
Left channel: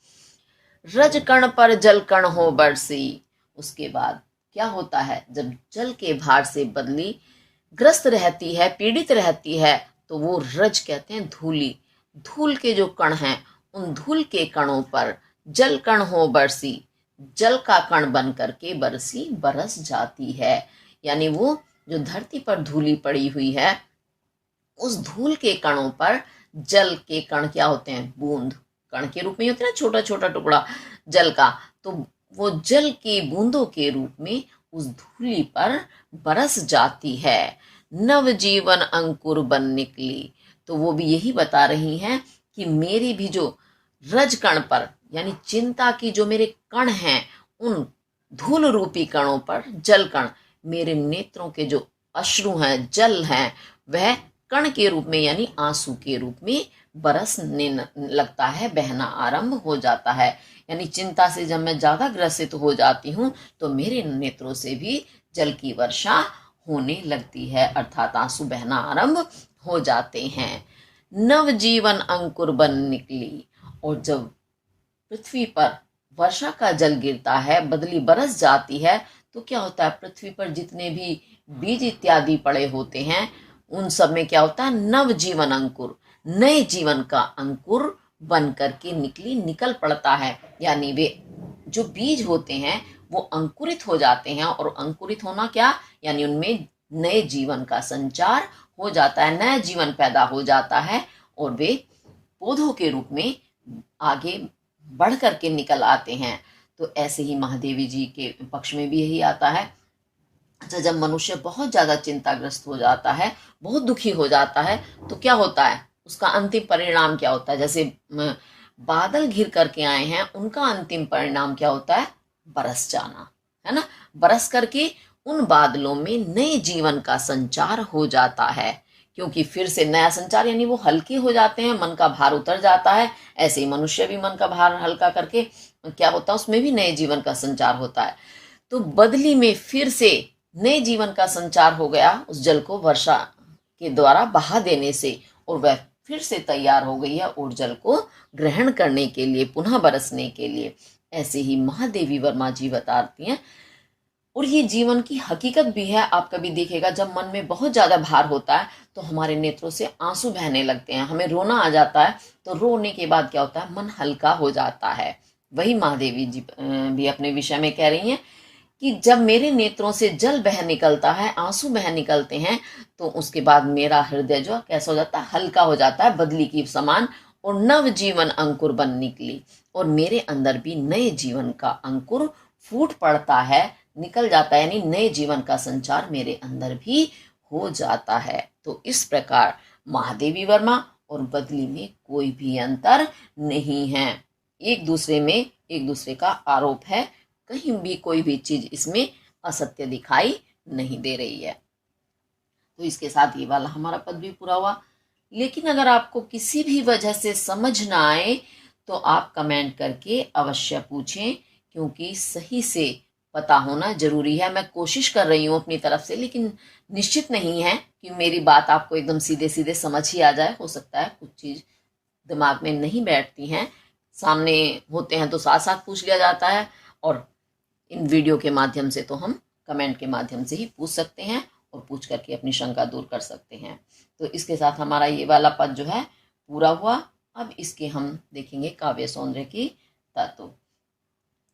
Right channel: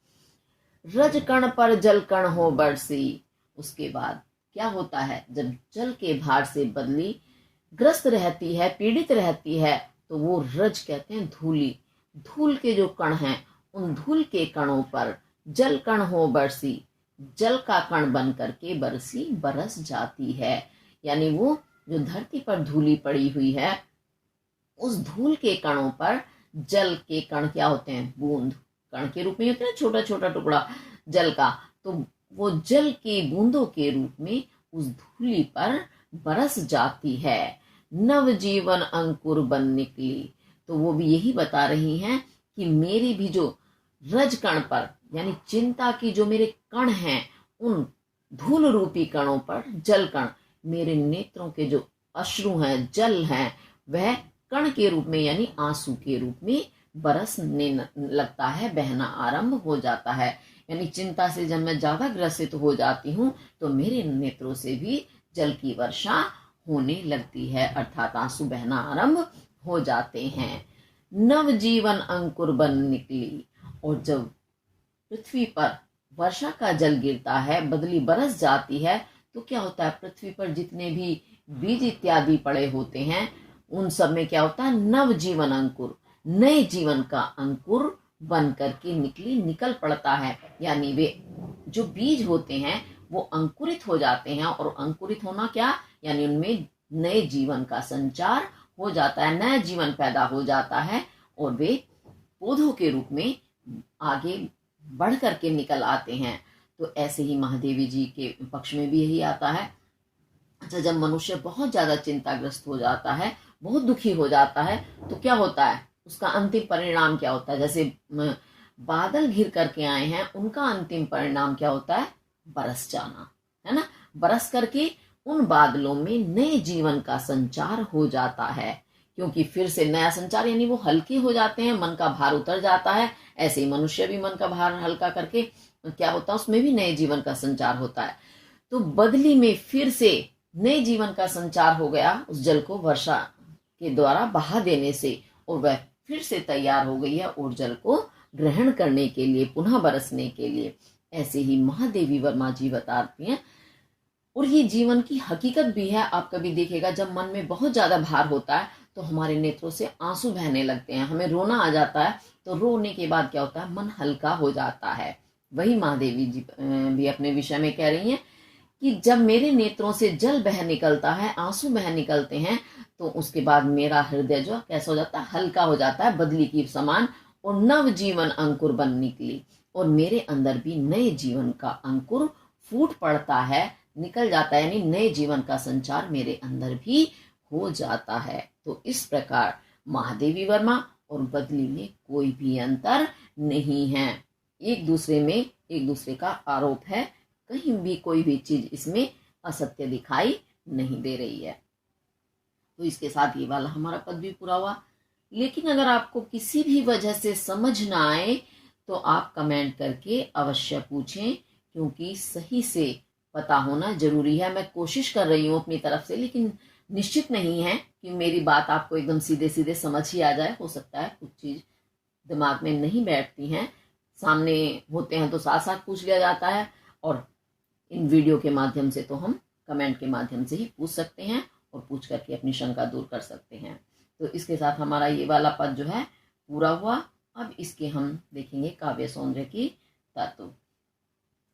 रज कण पर जल कण हो बरसी, उसके बाद क्या होता है? जब जल के भार से बदली ग्रस्त रहती है, पीड़ित रहती है, तो वो रज कहते हैं धूली, धूल के जो कण हैं उन धूल के कणों पर जल कण हो बरसी, जल का कण बन करके बरसी, बरस जाती है। यानी वो जो धरती पर धूली पड़ी हुई है उस धूल के कणों पर जल के कण क्या होते हैं? बूंद, कण के रूप में होते हैं ना, छोटा छोटा टुकड़ा जल का। तो वो जल के बूंदों के रूप में उस धूली पर बरस जाती है। नव जीवन अंकुर बन निकली, तो वो भी यही बता रही हैं कि मेरी भी जो रज कण पर, यानी चिंता की जो मेरे कण हैं, उन धूल रूपी कणों पर जल कण, मेरे नेत्रों के जो अश्रु हैं, जल हैं, वह कण के रूप में यानी आंसू के रूप में बरसने लगता है, बहना आरंभ हो जाता है। यानी चिंता से जब मैं ज्यादा ग्रसित हो जाती हूँ तो मेरे नेत्रों से भी जल की वर्षा होने लगती है, अर्थात आंसू बहना आरंभ हो जाते हैं। नव जीवन अंकुर बन निकली, और जब पृथ्वी पर वर्षा का जल गिरता है, बदली बरस जाती है, तो क्या होता है? पृथ्वी पर जितने भी बीज इत्यादि पड़े होते हैं उन सब में क्या होता है? नव जीवन अंकुर, नए जीवन का अंकुर बन करके निकल पड़ता है। यानी वे जो बीज होते हैं वो अंकुरित हो जाते हैं, और अंकुरित होना क्या? यानी उनमें नए जीवन का संचार हो जाता है, नया जीवन पैदा हो जाता है, और वे पौधों के रूप में आगे बढ़ करके निकल आते हैं। तो ऐसे ही महादेवी जी के पक्ष में भी यही आता है। अच्छा, जब मनुष्य बहुत ज्यादा चिंताग्रस्त हो जाता है, बहुत दुखी हो जाता है, तो क्या होता है? उसका अंतिम परिणाम क्या होता है? जैसे बादल घिर करके आए हैं, उनका अंतिम परिणाम क्या होता है? बरस जाना, है ना। बरस करके उन बादलों में नए जीवन का संचार हो जाता है, क्योंकि फिर से नया संचार, यानी वो हल्के हो जाते हैं, मन का भार उतर जाता है। ऐसे ही मनुष्य भी मन का भार हल्का करके क्या होता है? उसमें भी नए जीवन का संचार होता है। तो बदली में फिर से नए जीवन का संचार हो गया उस जल को वर्षा के द्वारा बहा देने से, और वह फिर से तैयार हो गई है और जल को ग्रहण करने के लिए, पुनः बरसने के लिए। ऐसे ही महादेवी वर्मा जी बताती हैं। और ये जीवन की हकीकत भी है। आप कभी देखेगा जब मन में बहुत ज्यादा भार होता है तो हमारे नेत्रों से आंसू बहने लगते हैं, हमें रोना आ जाता है, तो रोने के बाद क्या होता है? मन हल्का हो जाता है। वही महादेवी जी भी अपने विषय में कह रही हैं कि जब मेरे नेत्रों से जल बह निकलता है, आंसू बह निकलते हैं, तो उसके बाद मेरा हृदय जो कैसा हो जाता है? हल्का हो जाता है, बदली की समान, और नव जीवन अंकुर बन निकली, और मेरे अंदर भी नए जीवन का अंकुर फूट पड़ता है, निकल जाता है, यानी नए जीवन का संचार मेरे अंदर भी हो जाता है। तो इस प्रकार महादेवी वर्मा और बदली में कोई भी अंतर नहीं है, एक दूसरे में एक दूसरे का आरोप है, कहीं भी कोई भी चीज इसमें असत्य दिखाई नहीं दे रही है। तो इसके साथ ये वाला हमारा पद भी पूरा हुआ। लेकिन अगर आपको किसी भी वजह से समझ ना आए तो आप कमेंट करके अवश्य पूछें, क्योंकि सही से पता होना जरूरी है। मैं कोशिश कर रही हूँ अपनी तरफ से, लेकिन निश्चित नहीं है कि मेरी बात आपको एकदम सीधे सीधे समझ ही आ जाए। हो सकता है कुछ चीज दिमाग में नहीं बैठती हैं, सामने होते हैं तो साथ साथ पूछ लिया जाता है, और इन वीडियो के माध्यम से तो हम कमेंट के माध्यम से ही पूछ सकते हैं और पूछ करके अपनी शंका दूर कर सकते हैं। तो इसके साथ हमारा ये वाला पद जो है पूरा हुआ। अब इसके हम देखेंगे काव्य सौंदर्य की तत्व।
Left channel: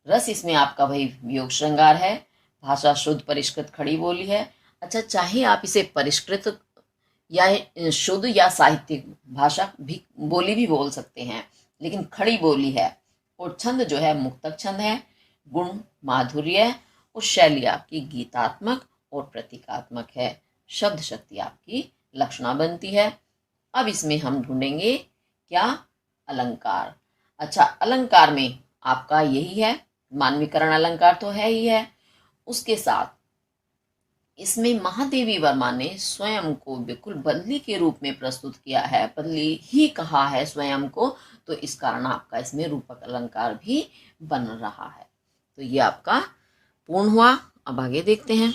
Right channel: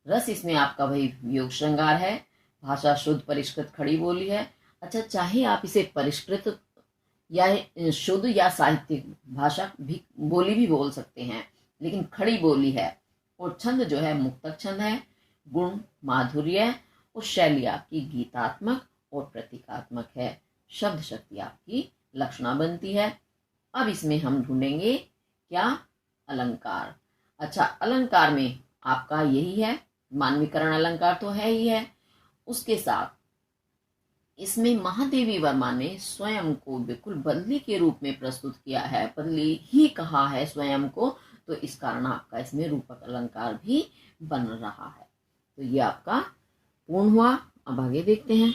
रस इसमें आपका वही वियोग श्रृंगार है। भाषा शुद्ध परिष्कृत खड़ी बोली है। अच्छा, चाहे आप इसे परिष्कृत या शुद्ध या साहित्यिक भाषा भी बोली भी बोल सकते हैं, लेकिन खड़ी बोली है। और छंद जो है मुक्तक छंद है। गुण माधुर्य और शैली आपकी गीतात्मक और प्रतीकात्मक है। शब्द शक्ति आपकी लक्षणा बनती है। अब इसमें हम ढूंढेंगे क्या, अलंकार। अच्छा, अलंकार में आपका यही है, मानवीकरण अलंकार तो है ही है। उसके साथ इसमें महादेवी वर्मा ने स्वयं को बिल्कुल बदली के रूप में प्रस्तुत किया है, बदली ही कहा है स्वयं को, तो इस कारण आपका इसमें रूपक अलंकार भी बन रहा है। तो ये आपका पूर्ण हुआ। अब आगे देखते हैं।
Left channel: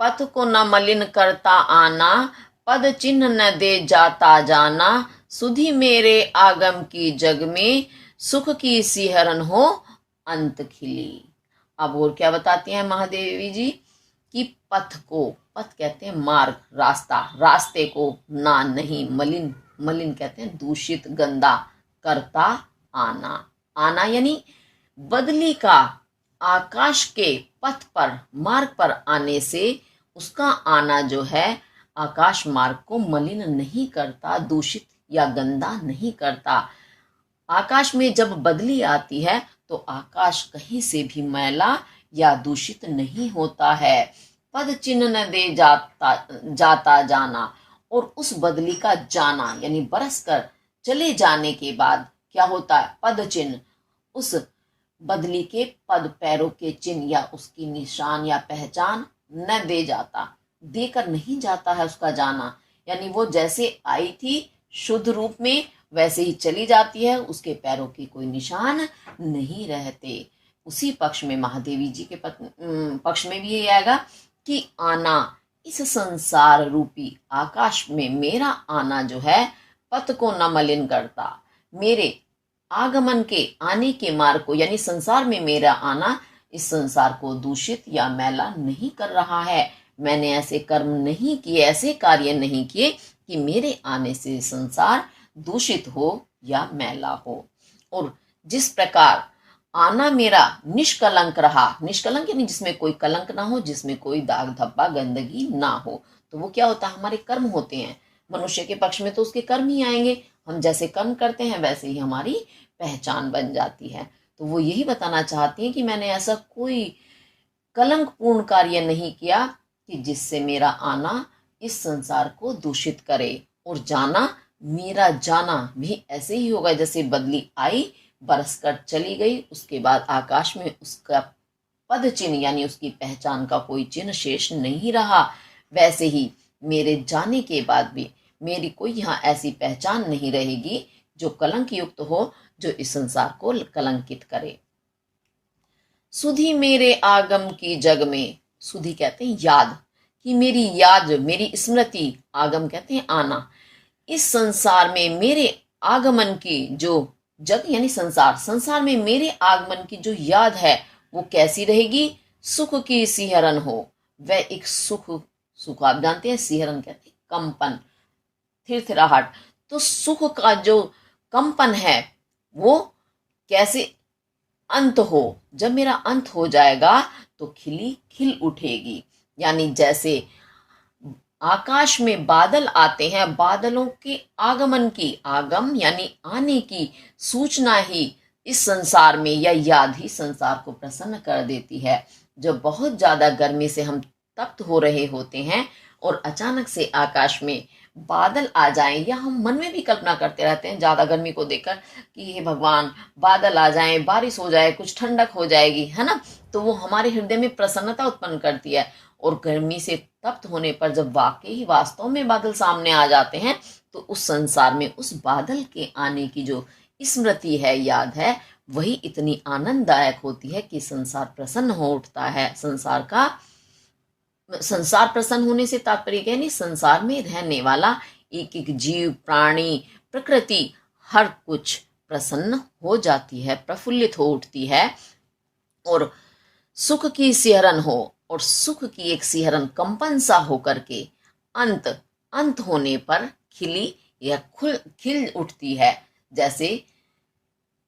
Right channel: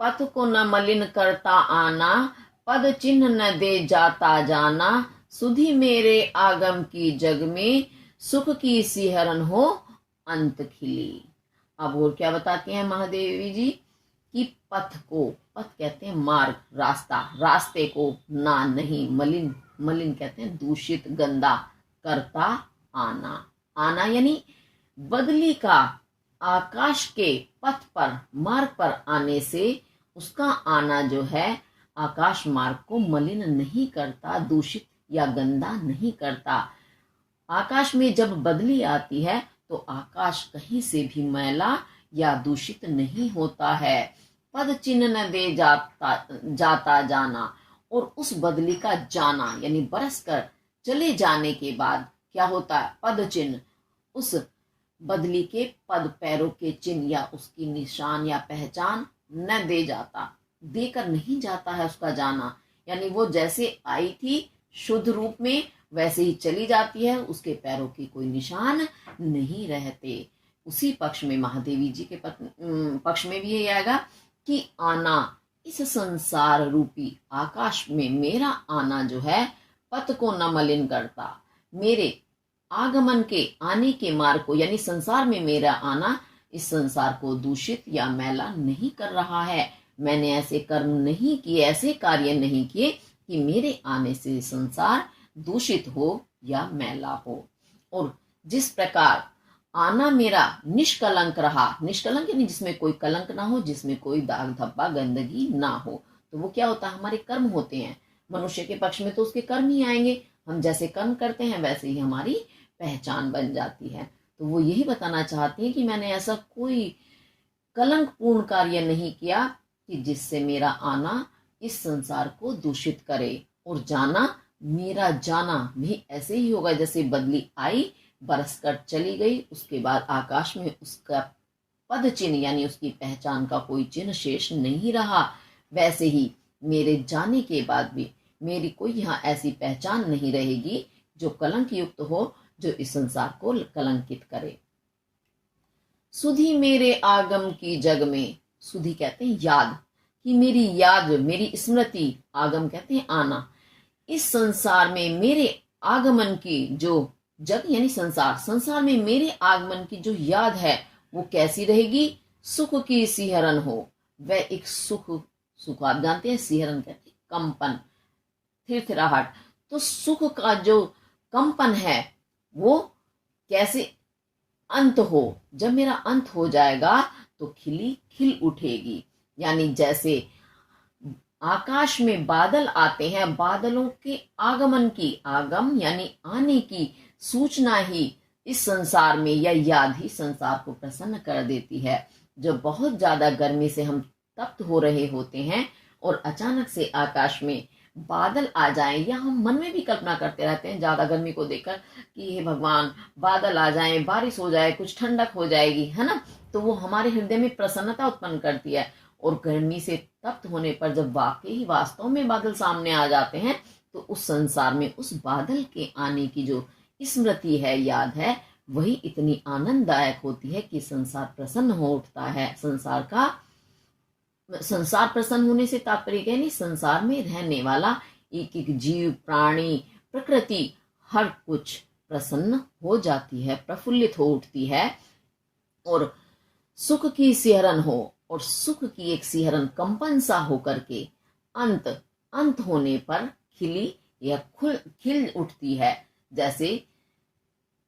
पथ को न मलिन करता आना, पद चिन्ह न दे जाता जाना, सुधि मेरे आगम की जग में, सुख की सिहरन हो अंत खिली। अब और क्या बताती हैं महादेवी जी कि पथ को, पथ कहते हैं मार्ग, रास्ता, रास्ते को, ना नहीं, मलिन, मलिन कहते हैं दूषित गंदा, करता आना, आना यानी बदली का आकाश के पथ पर, मार्ग पर आने से उसका आना जो है आकाश मार्ग को मलिन नहीं करता, दूषित या गंदा नहीं करता। आकाश में जब बदली आती है तो आकाश कहीं से भी मैला या दूषित नहीं होता है। पद चिन्ह न दे जाता जाना, और उस बदली का जाना यानी बरस कर चले जाने के बाद क्या होता है, पद चिन्ह, उस बदली के पद पैरों के चिन्ह या उसकी निशान या पहचान न दे जाता, देकर नहीं जाता है उसका जाना, यानी वो जैसे आई थी शुद्ध रूप में वैसे ही चली जाती है, उसके पैरों की कोई निशान नहीं रहते। उसी पक्ष में महादेवी जी के पक्ष में भी ये आएगा कि आना, इस संसार रूपी आकाश में मेरा आना जो है पथ को न मलिन करता, मेरे आगमन के, आने के मार्ग को, यानी संसार में मेरा आना इस संसार को दूषित या मैला नहीं कर रहा है। मैंने ऐसे कर्म नहीं किए, ऐसे कार्य नहीं किए कि मेरे आने से संसार दूषित हो या मैला हो। और जिस प्रकार आना मेरा निष्कलंक रहा, निष्कलंक यानी जिसमें कोई कलंक ना हो, जिसमें कोई दाग धब्बा गंदगी ना हो, तो वो क्या होता है, हमारे कर्म होते हैं। मनुष्य के पक्ष में तो उसके कर्म ही आएंगे, हम जैसे कर्म करते हैं वैसे ही हमारी पहचान बन जाती है। तो वो यही बताना चाहती हैं कि मैंने ऐसा कोई कलंकपूर्ण कार्य नहीं किया कि जिससे मेरा आना इस संसार को दूषित करे, और जाना, मेरा जाना भी ऐसे ही होगा जैसे बदली आई, बरस कर चली गई, उसके बाद आकाश में उसका पद चिन्ह यानी उसकी पहचान का कोई चिन्ह शेष नहीं रहा। वैसे ही मेरे जाने के बाद भी मेरी कोई यहाँ ऐसी पहचान नहीं रहेगी जो कलंक युक्त हो, जो इस संसार को कलंकित करे। सुधि मेरे आगम की जग में, सुधि कहते हैं याद, कि मेरी याद, मेरी स्मृति, आगम कहते हैं आना, इस संसार में मेरे आगमन की जो जग यानी संसार, संसार में मेरे आगमन की जो याद है वो कैसी रहेगी, सुख की सिहरन हो। वह एक सुख, सुख आप जानते हैं, सिहरन कहते हैं कंपन, थिरथिराहट, तो सुख का जो कंपन है वो कैसे अंत हो, जब मेरा अंत हो जाएगा तो खिली खिल उठेगी। यानी जैसे आकाश में बादल आते हैं, बादलों के आगमन की, आगम यानी आने की सूचना ही इस संसार में, या याद ही संसार को प्रसन्न कर देती है। जब बहुत ज्यादा गर्मी से हम तप्त हो रहे होते हैं और अचानक से आकाश में बादल आ जाएं, या हम मन में भी कल्पना करते रहते हैं ज्यादा गर्मी को देखकर कि हे भगवान बादल आ जाएं, बारिश हो जाए, कुछ ठंडक हो जाएगी, है ना, तो वो हमारे हृदय में प्रसन्नता उत्पन्न करती है। और गर्मी से तप्त होने पर जब वाकई वास्तव में बादल सामने आ जाते हैं तो उस संसार में उस बादल के आने की जो स्मृति है, याद है, वही इतनी आनंददायक होती है कि संसार प्रसन्न हो उठता है। संसार प्रसन्न होने से तात्पर्य क्या है, संसार में रहने वाला एक एक जीव, प्राणी, प्रकृति, हर कुछ प्रसन्न हो जाती है, प्रफुल्लित हो उठती है, और सुख की सिहरन हो, और सुख की एक सिहरन कंपन सा होकर के अंत अंत होने पर खिली या खिल उठती है। जैसे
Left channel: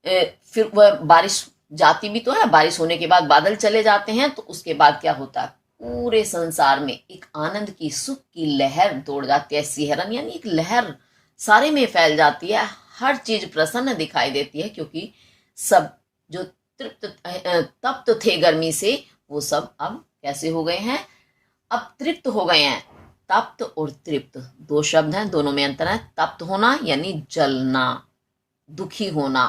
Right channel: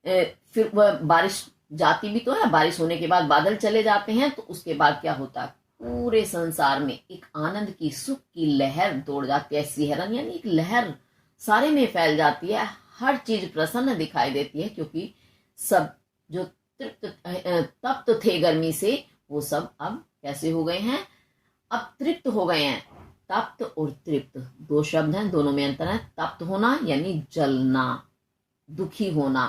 फिर वह बारिश जाती भी तो है, बारिश होने के बाद बादल चले जाते हैं, तो उसके बाद क्या होता है, पूरे संसार में एक आनंद की, सुख की लहर दौड़ जाती है। सिहरन यानी एक लहर सारे में फैल जाती है, हर चीज प्रसन्न दिखाई देती है, क्योंकि सब जो तप्त थे गर्मी से, वो सब अब कैसे हो गए हैं, अब तृप्त हो गए हैं। तप्त और तृप्त दो शब्द हैं, दोनों में अंतर है। तप्त होना यानी जलना, दुखी होना,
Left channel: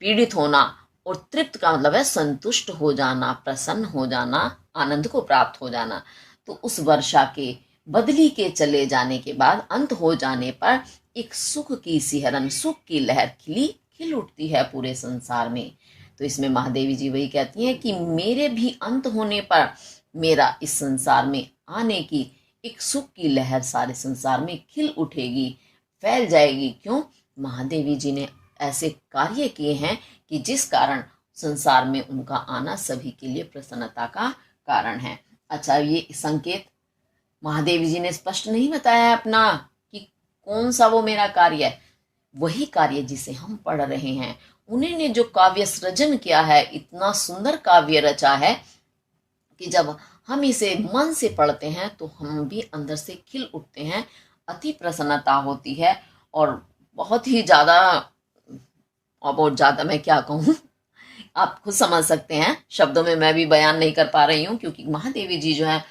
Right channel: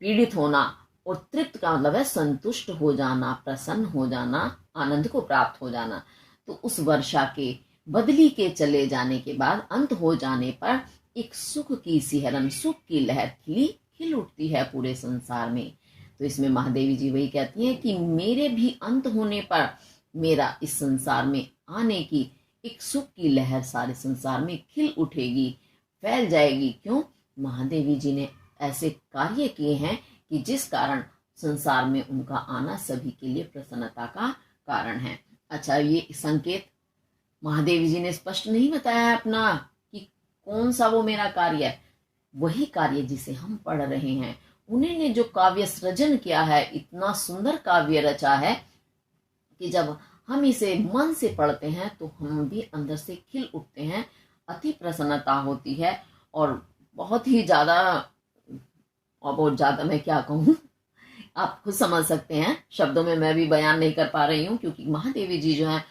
पीड़ित होना, और तृप्त का मतलब है संतुष्ट हो जाना, प्रसन्न हो जाना, आनंद को प्राप्त हो जाना। तो उस वर्षा के, बदली के चले जाने के बाद अंत हो जाने पर एक सुख की सिहरन, सुख की लहर खिल उठती है पूरे संसार में। तो इसमें महादेवी जी वही कहती हैं कि मेरे भी अंत होने पर मेरा इस संसार में आने की एक सुख की लहर सारे संसार में खिल उठेगी, फैल जाएगी। क्यों? महादेवी जी ने ऐसे कार्य किए हैं कि जिस कारण संसार में उनका आना सभी के लिए प्रसन्नता का कारण है। अच्छा, ये संकेत महादेवी जी ने स्पष्ट नहीं बताया है अपना कि कौन सा वो मेरा कार्य है। वही कार्य जिसे हम पढ़ रहे हैं, उन्हीं ने जो काव्य सृजन किया है, इतना सुंदर काव्य रचा है कि जब हम इसे मन से पढ़ते हैं तो हम भी अंदर से खिल उठते हैं, अति प्रसन्नता होती है। और बहुत ही ज्यादा, और बहुत ज्यादा मैं क्या कहूँ, आप खुद समझ सकते हैं, शब्दों में मैं भी बयान नहीं कर पा रही हूँ, क्योंकि महादेवी जी जो है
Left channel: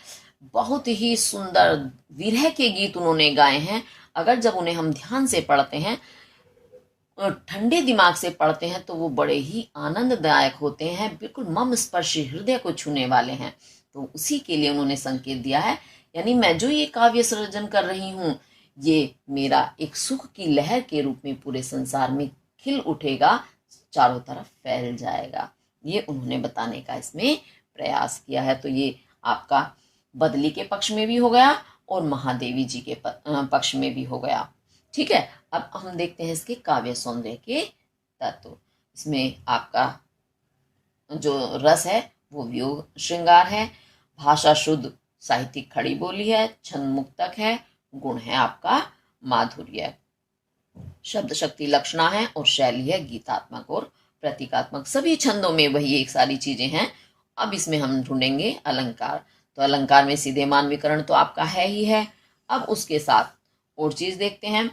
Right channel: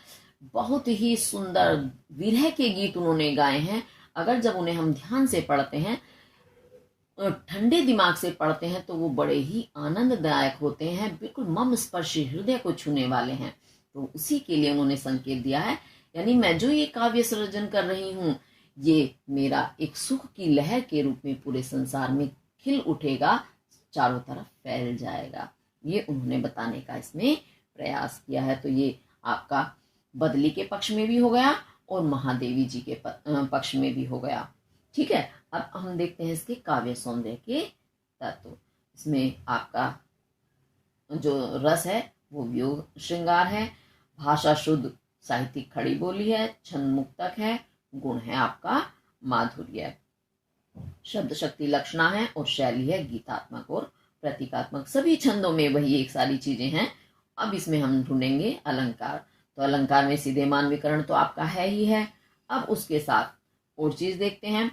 बहुत ही सुंदर विरह के गीत उन्होंने गाए हैं। अगर जब उन्हें हम ध्यान से पढ़ते हैं, ठंडे दिमाग से पढ़ते हैं, तो वो बड़े ही आनंददायक होते हैं, बिल्कुल मम स्पर्शी, हृदय को छूने वाले हैं। तो उसी के लिए उन्होंने संकेत दिया है, यानी मैं जो ये काव्य सृजन कर रही हूँ, ये मेरा एक सुख की लहर के रूप में पूरे संसार में खिल उठेगा, चारों तरफ फैल जाएगा। ये उन्होंने बताने का इसमें प्रयास किया है। तो ये आपका बदली के पक्ष में भी हो गया और महादेवी जी के पक्ष में भी हो गया। ठीक है, अब हम देखते हैं इसके काव्य सौंदर्य के तत्व। इसमें आपका जो रस है वो वियोग श्रृंगार है, भाषा शुद्ध साहित्यिक खड़ी बोली है, छंद मुक्तक है, गुण है आपका माधुर्य, शब्द शक्ति लक्षणा है, और शैली है गीतात्मक और प्रतीकात्मक। सभी छंदों में वही एक सारी चीजें हैं। अब इसमें हम ढूंढेंगे अलंकार। तो अलंकार में सीधे मान विकरण तो आपका है ही है। अब उसके साथ और चीज देखते हैं।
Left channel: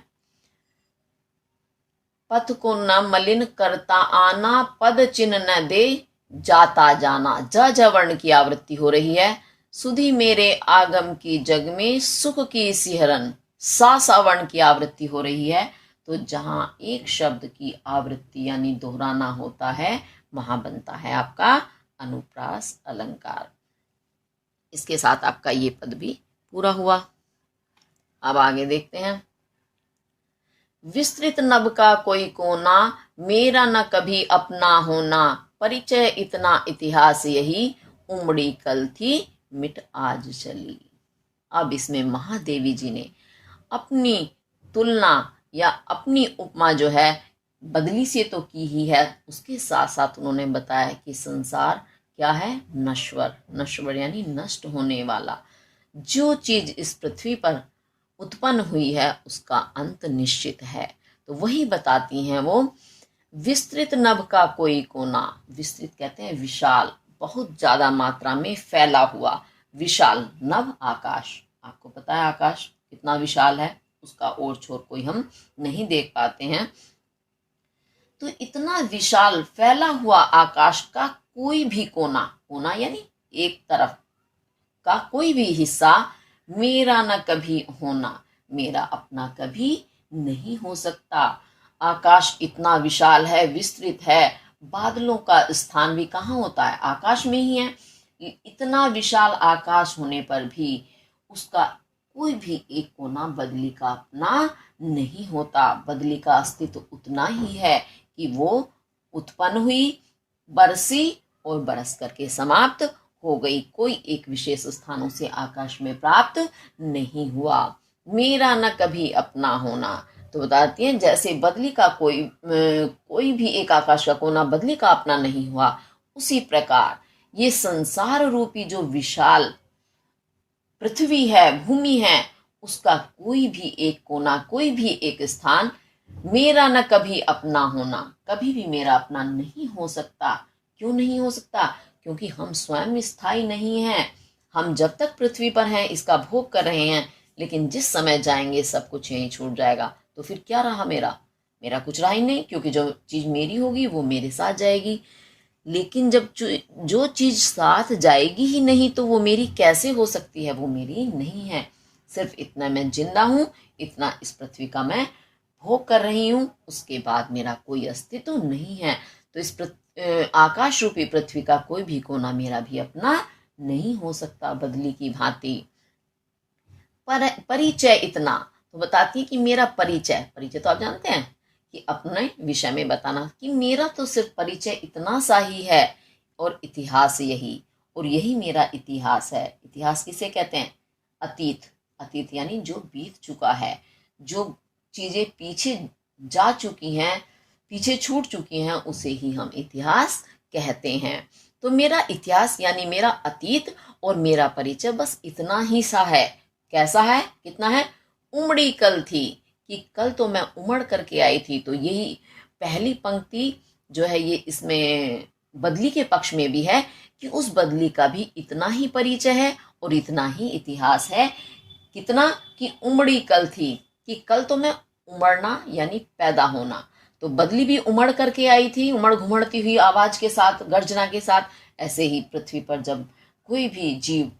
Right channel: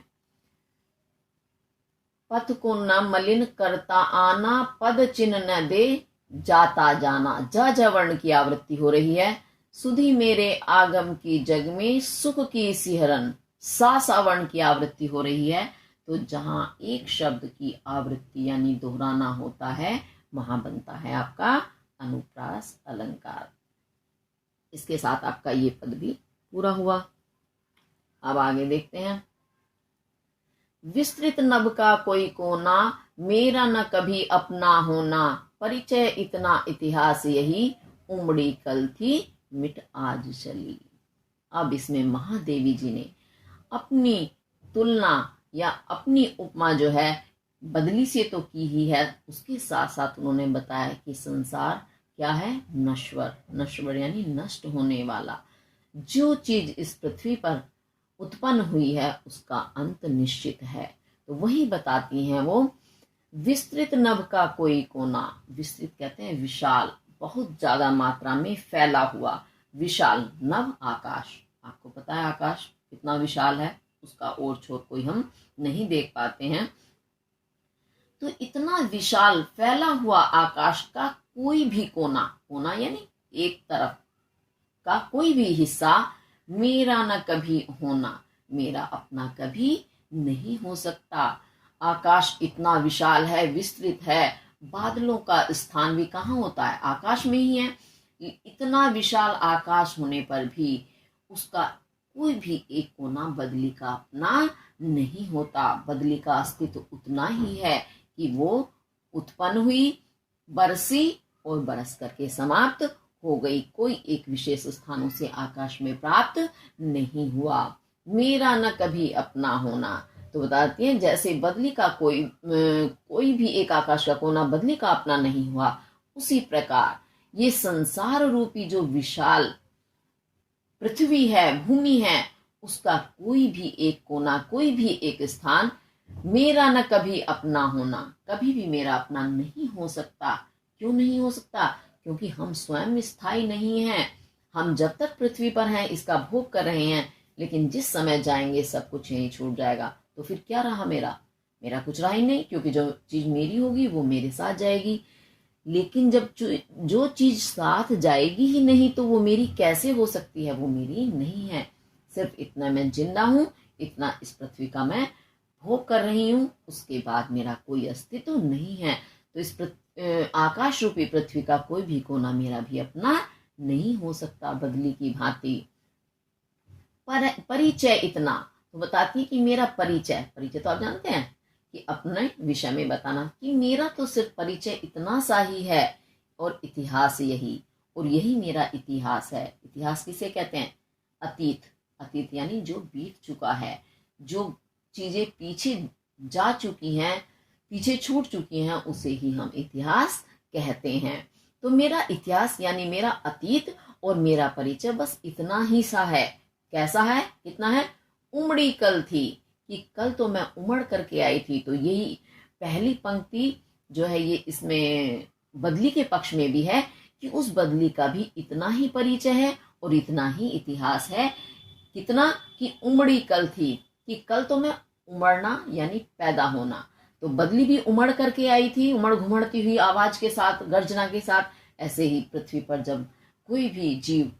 पथ को न मलिन करता आना, पद चिन्ह न दे जाता जाना। ज वर्ण की आवृत्ति हो रही है। सुधी मेरे आगम की जग में, सुख की सिहरन। सा वर्ण की आवृत्ति हो रही है। तो जहां एक शब्द की आवृत्ति यानी दोहराना होता है, वहां बनता है आपका अनुप्रास अलंकार। इसके साथ आपका ये पद भी पूरा हुआ। अब आगे देखते हैं। विस्तृत नभ का कोई कोना, मेरा न कभी अपना होना। परिचय इतना इतिहास यही, उमड़ी कल थी मिट आज चली। अब इसमें महादेवी जी ने अपनी तुलना या अपनी उपमा जो है बदली से तो की ही है, उसके साथ साथ उन्होंने बताया कि संसार क्या है, नश्वर। नश्वर यानी नष्ट होने वाला। जो चीज इस पृथ्वी पर उत्पन्न हुई है उसका अंत निश्चित है। तो वही बताती हैं वो। विस्तृत नभ का कोई कोना, विस्तृत कहते हैं विशाल, बहुत ज्यादा मात्रा में फैला हुआ विशाल। नभ आकाश, आपको पता है आकाश कितना विशाल है, उसका ओर छोर कोई हम नहीं देख पाते हैं। तो इतना विशाल फैला हुआ आकाश का कोई भी कोना, कोना यानी एक तरफ का कोई भी हिस्सा, मेरा न कभी होना, मेरा अपना कभी नहीं हो सकता। आकाश इतना विशाल है, विस्तृत है, बादलों का स्थान भी कहाँ होता है, आकाश में ही है। इतना विशाल आकाश होने पर भी उसका कोई भी एक कोना बदली का अपना नहीं होता। बदली का अस्तित्व उतना ही है कि वो उत्पन्न हुई, बरसी और बरस करके समाप्त हो गई। कोई एक विशेष स्थानों से आकाश में प्राप्त नहीं हुआ। मेरा न कभी अपना होना, तो बताती हैं जैसे बदली का कोई भी एक आकाश का कोना बदली का अपना नहीं हुआ, उसी प्रकार ये संसार रूपी जो विशाल पृथ्वी है, भूमि है, उसका कोई भी एक कोना, कोई भी एक स्थान मेरा न कभी अपना होना, कभी भी मेरा अपना नहीं हो सकता। क्यों नहीं हो सकता? क्योंकि हम स्वयं स्थायी नहीं हैं। हम जब तक पृथ्वी पर हैं इसका भोग कर रहे हैं, लेकिन जिस समय जाएंगे सब कुछ यहीं छूट जाएगा। तो फिर क्या रहा मेरा कुछ रहा ही नहीं, क्योंकि जो चीज मेरी होगी वो मेरे साथ जाएगी। लेकिन जब जो चीज साथ जाएगी ही नहीं तो वो मेरी कैसे हो सकती है? वो मेरी नहीं है। सिर्फ इतना मैं जिंदा हूं, इतना इस पृथ्वी का मैं भोग कर रही हूं, उसके बाद मेरा कोई अस्तित्व नहीं है। तो इस आकाश रूपी पृथ्वी का कोई भी कोना मेरा भी अपना नहीं हो सकता, बदली की भांति। परिचय इतना तो बताती है कि मेरा परिचय तो आप जानते हैं कि अपने विषय में बताना, कि मेरा तो सिर्फ परिचय इतना सा ही है, और इतिहास यही, और यही मेरा इतिहास है। इतिहास किसे कहते हैं? अतीत यानी जो बीत चुका है, जो चीजें पीछे जा चुकी हैं, पीछे छूट चुकी हैं, उसे ही हम इतिहास कहते हैं। तो मेरा इतिहास यानी मेरा अतीत और मेरा परिचय बस इतना ही सा है। कैसा है? कितना है? उमड़ी कल थी, कि कल तो मैं उमड़ करके आई थी। तो यही पहली पंक्ति जो है ये इसमें बदली के पक्ष में भी है, कि उस बदली का भी इतना ही परिचय है और इतना ही इतिहास है। कितना? कि उमड़ी कल थी, कि कल तो मैं उमड़ना यानी पैदा होना। तो बदली भी उमड़ करके आई थी, उमड़ घुमड़ती हुई आवाज के साथ, गर्जना के साथ। ऐसे ही पृथ्वी पर जब कोई भी जीव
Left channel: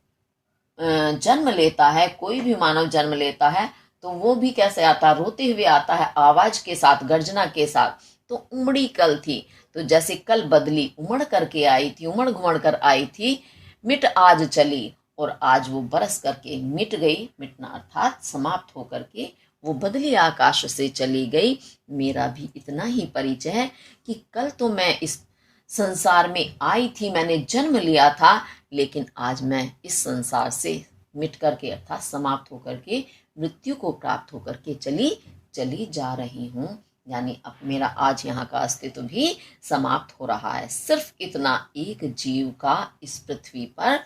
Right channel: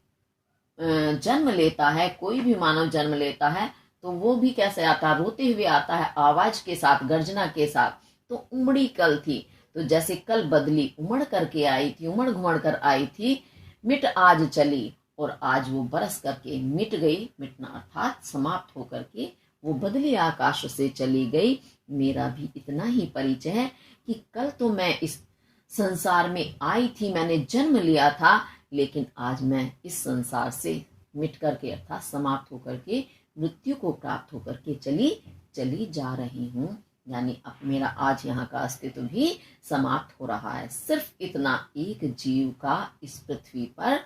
जन्म लेता है, कोई भी मानव जन्म लेता है, तो वो भी कैसे आता है? रोते हुए आता है, आवाज के साथ, गर्जना के साथ। तो उमड़ी कल थी, तो जैसे कल बदली उमड़ करके आई थी, उमड़ घुमड़ कर आई थी, मिट आज चली, और आज वो बरस करके मिट गई। मिटना अर्थात समाप्त होकर के वो बदली आकाश से चली गई। मेरा भी इतना ही परिचय है कि कल तो मैं इस संसार में आई थी, मैंने जन्म लिया था, लेकिन आज मैं इस संसार से मिट करके अर्थात समाप्त होकर के मृत्यु को प्राप्त होकर के चली जा रही हूँ। यानी अब मेरा आज यहाँ का अस्तित्व भी समाप्त हो रहा है। सिर्फ इतना एक जीव का इस पृथ्वी पर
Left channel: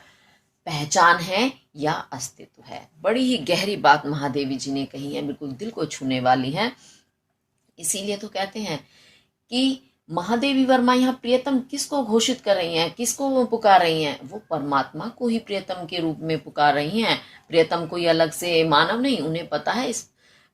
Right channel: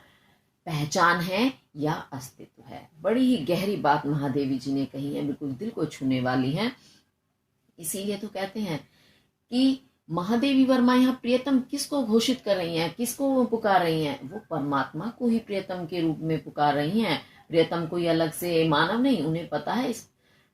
पहचान है या अस्तित्व है। बड़ी ही गहरी बात महादेवी जी ने कही है, बिल्कुल दिल को छूने वाली है। इसीलिए तो कहते हैं कि महादेवी वर्मा यहाँ प्रियतम किसको घोषित कर रही हैं, किसको पुकार रही हैं? वो परमात्मा को ही प्रियतम के रूप में पुकार रही हैं। प्रियतम कोई अलग से मानव नहीं, उन्हें पता है इस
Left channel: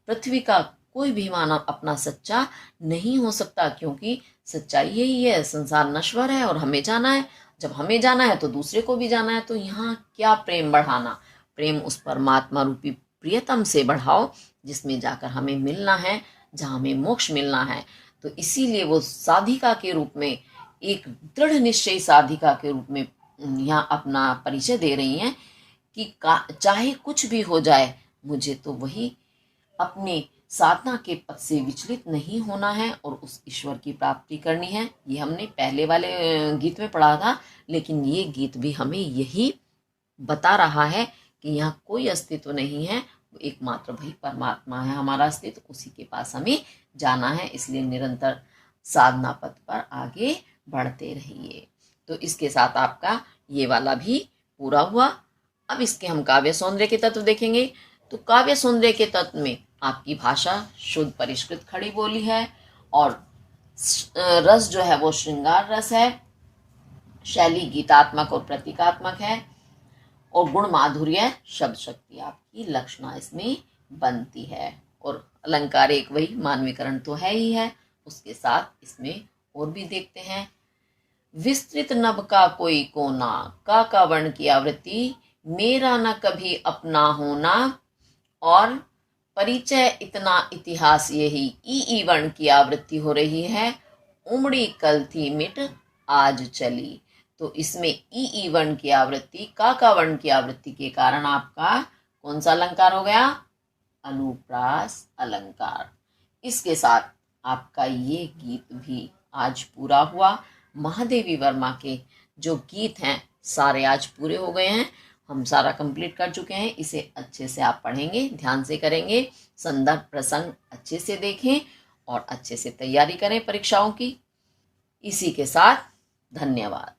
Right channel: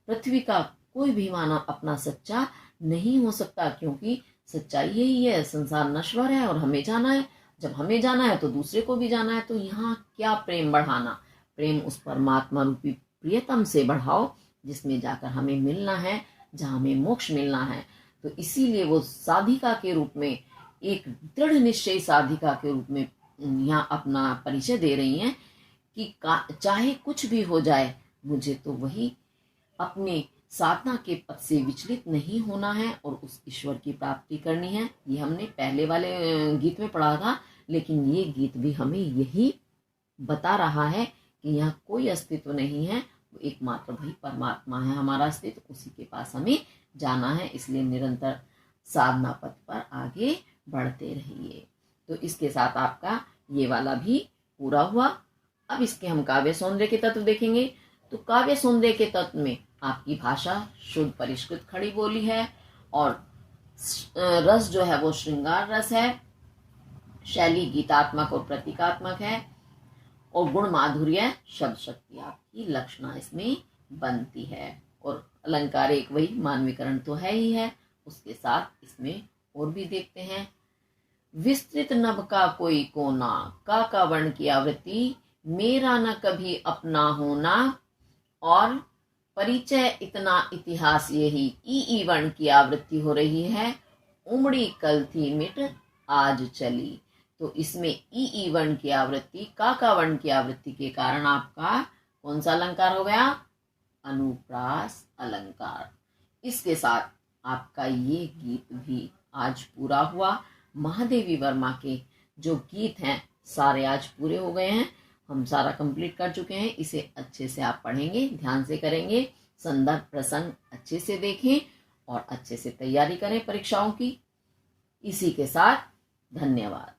पृथ्वी का कोई भी मानव अपना सच्चा नहीं हो सकता, क्योंकि सच्चाई यही है, संसार नश्वर है और हमें जाना है। जब हमें जाना है तो दूसरे को भी जाना है। तो यहाँ क्या प्रेम बढ़ाना? प्रेम उस परमात्मा रूपी प्रियतम से बढ़ाओ, जिसमें जाकर हमें मिलना है, जहाँ हमें मोक्ष मिलना है। तो इसीलिए वो साधिका के रूप में, एक दृढ़ निश्चय साधिका के रूप में यहाँ अपना परिचय दे रही हैं कि चाहे कुछ भी हो जाए, मुझे तो वही अपने साधना के पथ से विचलित नहीं होना है और उस ईश्वर की प्राप्ति करनी है। ये हमने पहले वाले गीत में पढ़ा था, लेकिन ये गीत भी हमें यही बता रहा है कि यहाँ कोई अस्तित्व नहीं है, एकमात्र वही परमात्मा है हमारा अस्तित्व, उसी के पास हमें जाना है। इसलिए निरंतर साधना पथ पर आगे बढ़ते रहिए। तो इसके साथ आपका ये वाला भी पूरा हुआ। अब इसके हम काव्य सौंदर्य के तत्व देखेंगे। तो काव्य सौंदर्य के तत्व में आपकी भाषा शुद्ध परिष्कृत खड़ी बोली है, और रस जो है वो श्रृंगार रस है, शैली गीतात्मक और प्रतीकात्मक है, और गुण माधुर्य शब्द शक्ति आपकी लक्षणा इसमें बनती है। और अलंकार एक वही मानवीकरण तो है ही है, उसके साथ इसमें और भी देखते हैं। विस्तृत नभ का कोई कोना, का वर्ण की आवृत्ति, मेरा न कभी अपना होना, और परिचय इतना इतिहास यही, ई वर्ण की आवृत्ति हो रही है। उमड़ी कल थी मिट आज चली। तो इसमें ई वर्ण की आवृत्ति, का वर्ण की आवृत्ति के कारण आपका कौन सा अलंकार हो गया? अनुप्रास अलंकार। इसके साथ आपका ये गीत भी आज पूरा हुआ। महादेवी वर्मा के जो गीत हैं सारे आज पूरे हो गए हैं, हम सारा कंप्लीट कर चुके हैं। इसे अच्छे से आप पढ़ेंगे, ध्यान से करेंगे संदर्भ प्रसंग अच्छे से देखें और अच्छे से तैयारी करें परीक्षाओं की। इसी के साथ धन्यवाद।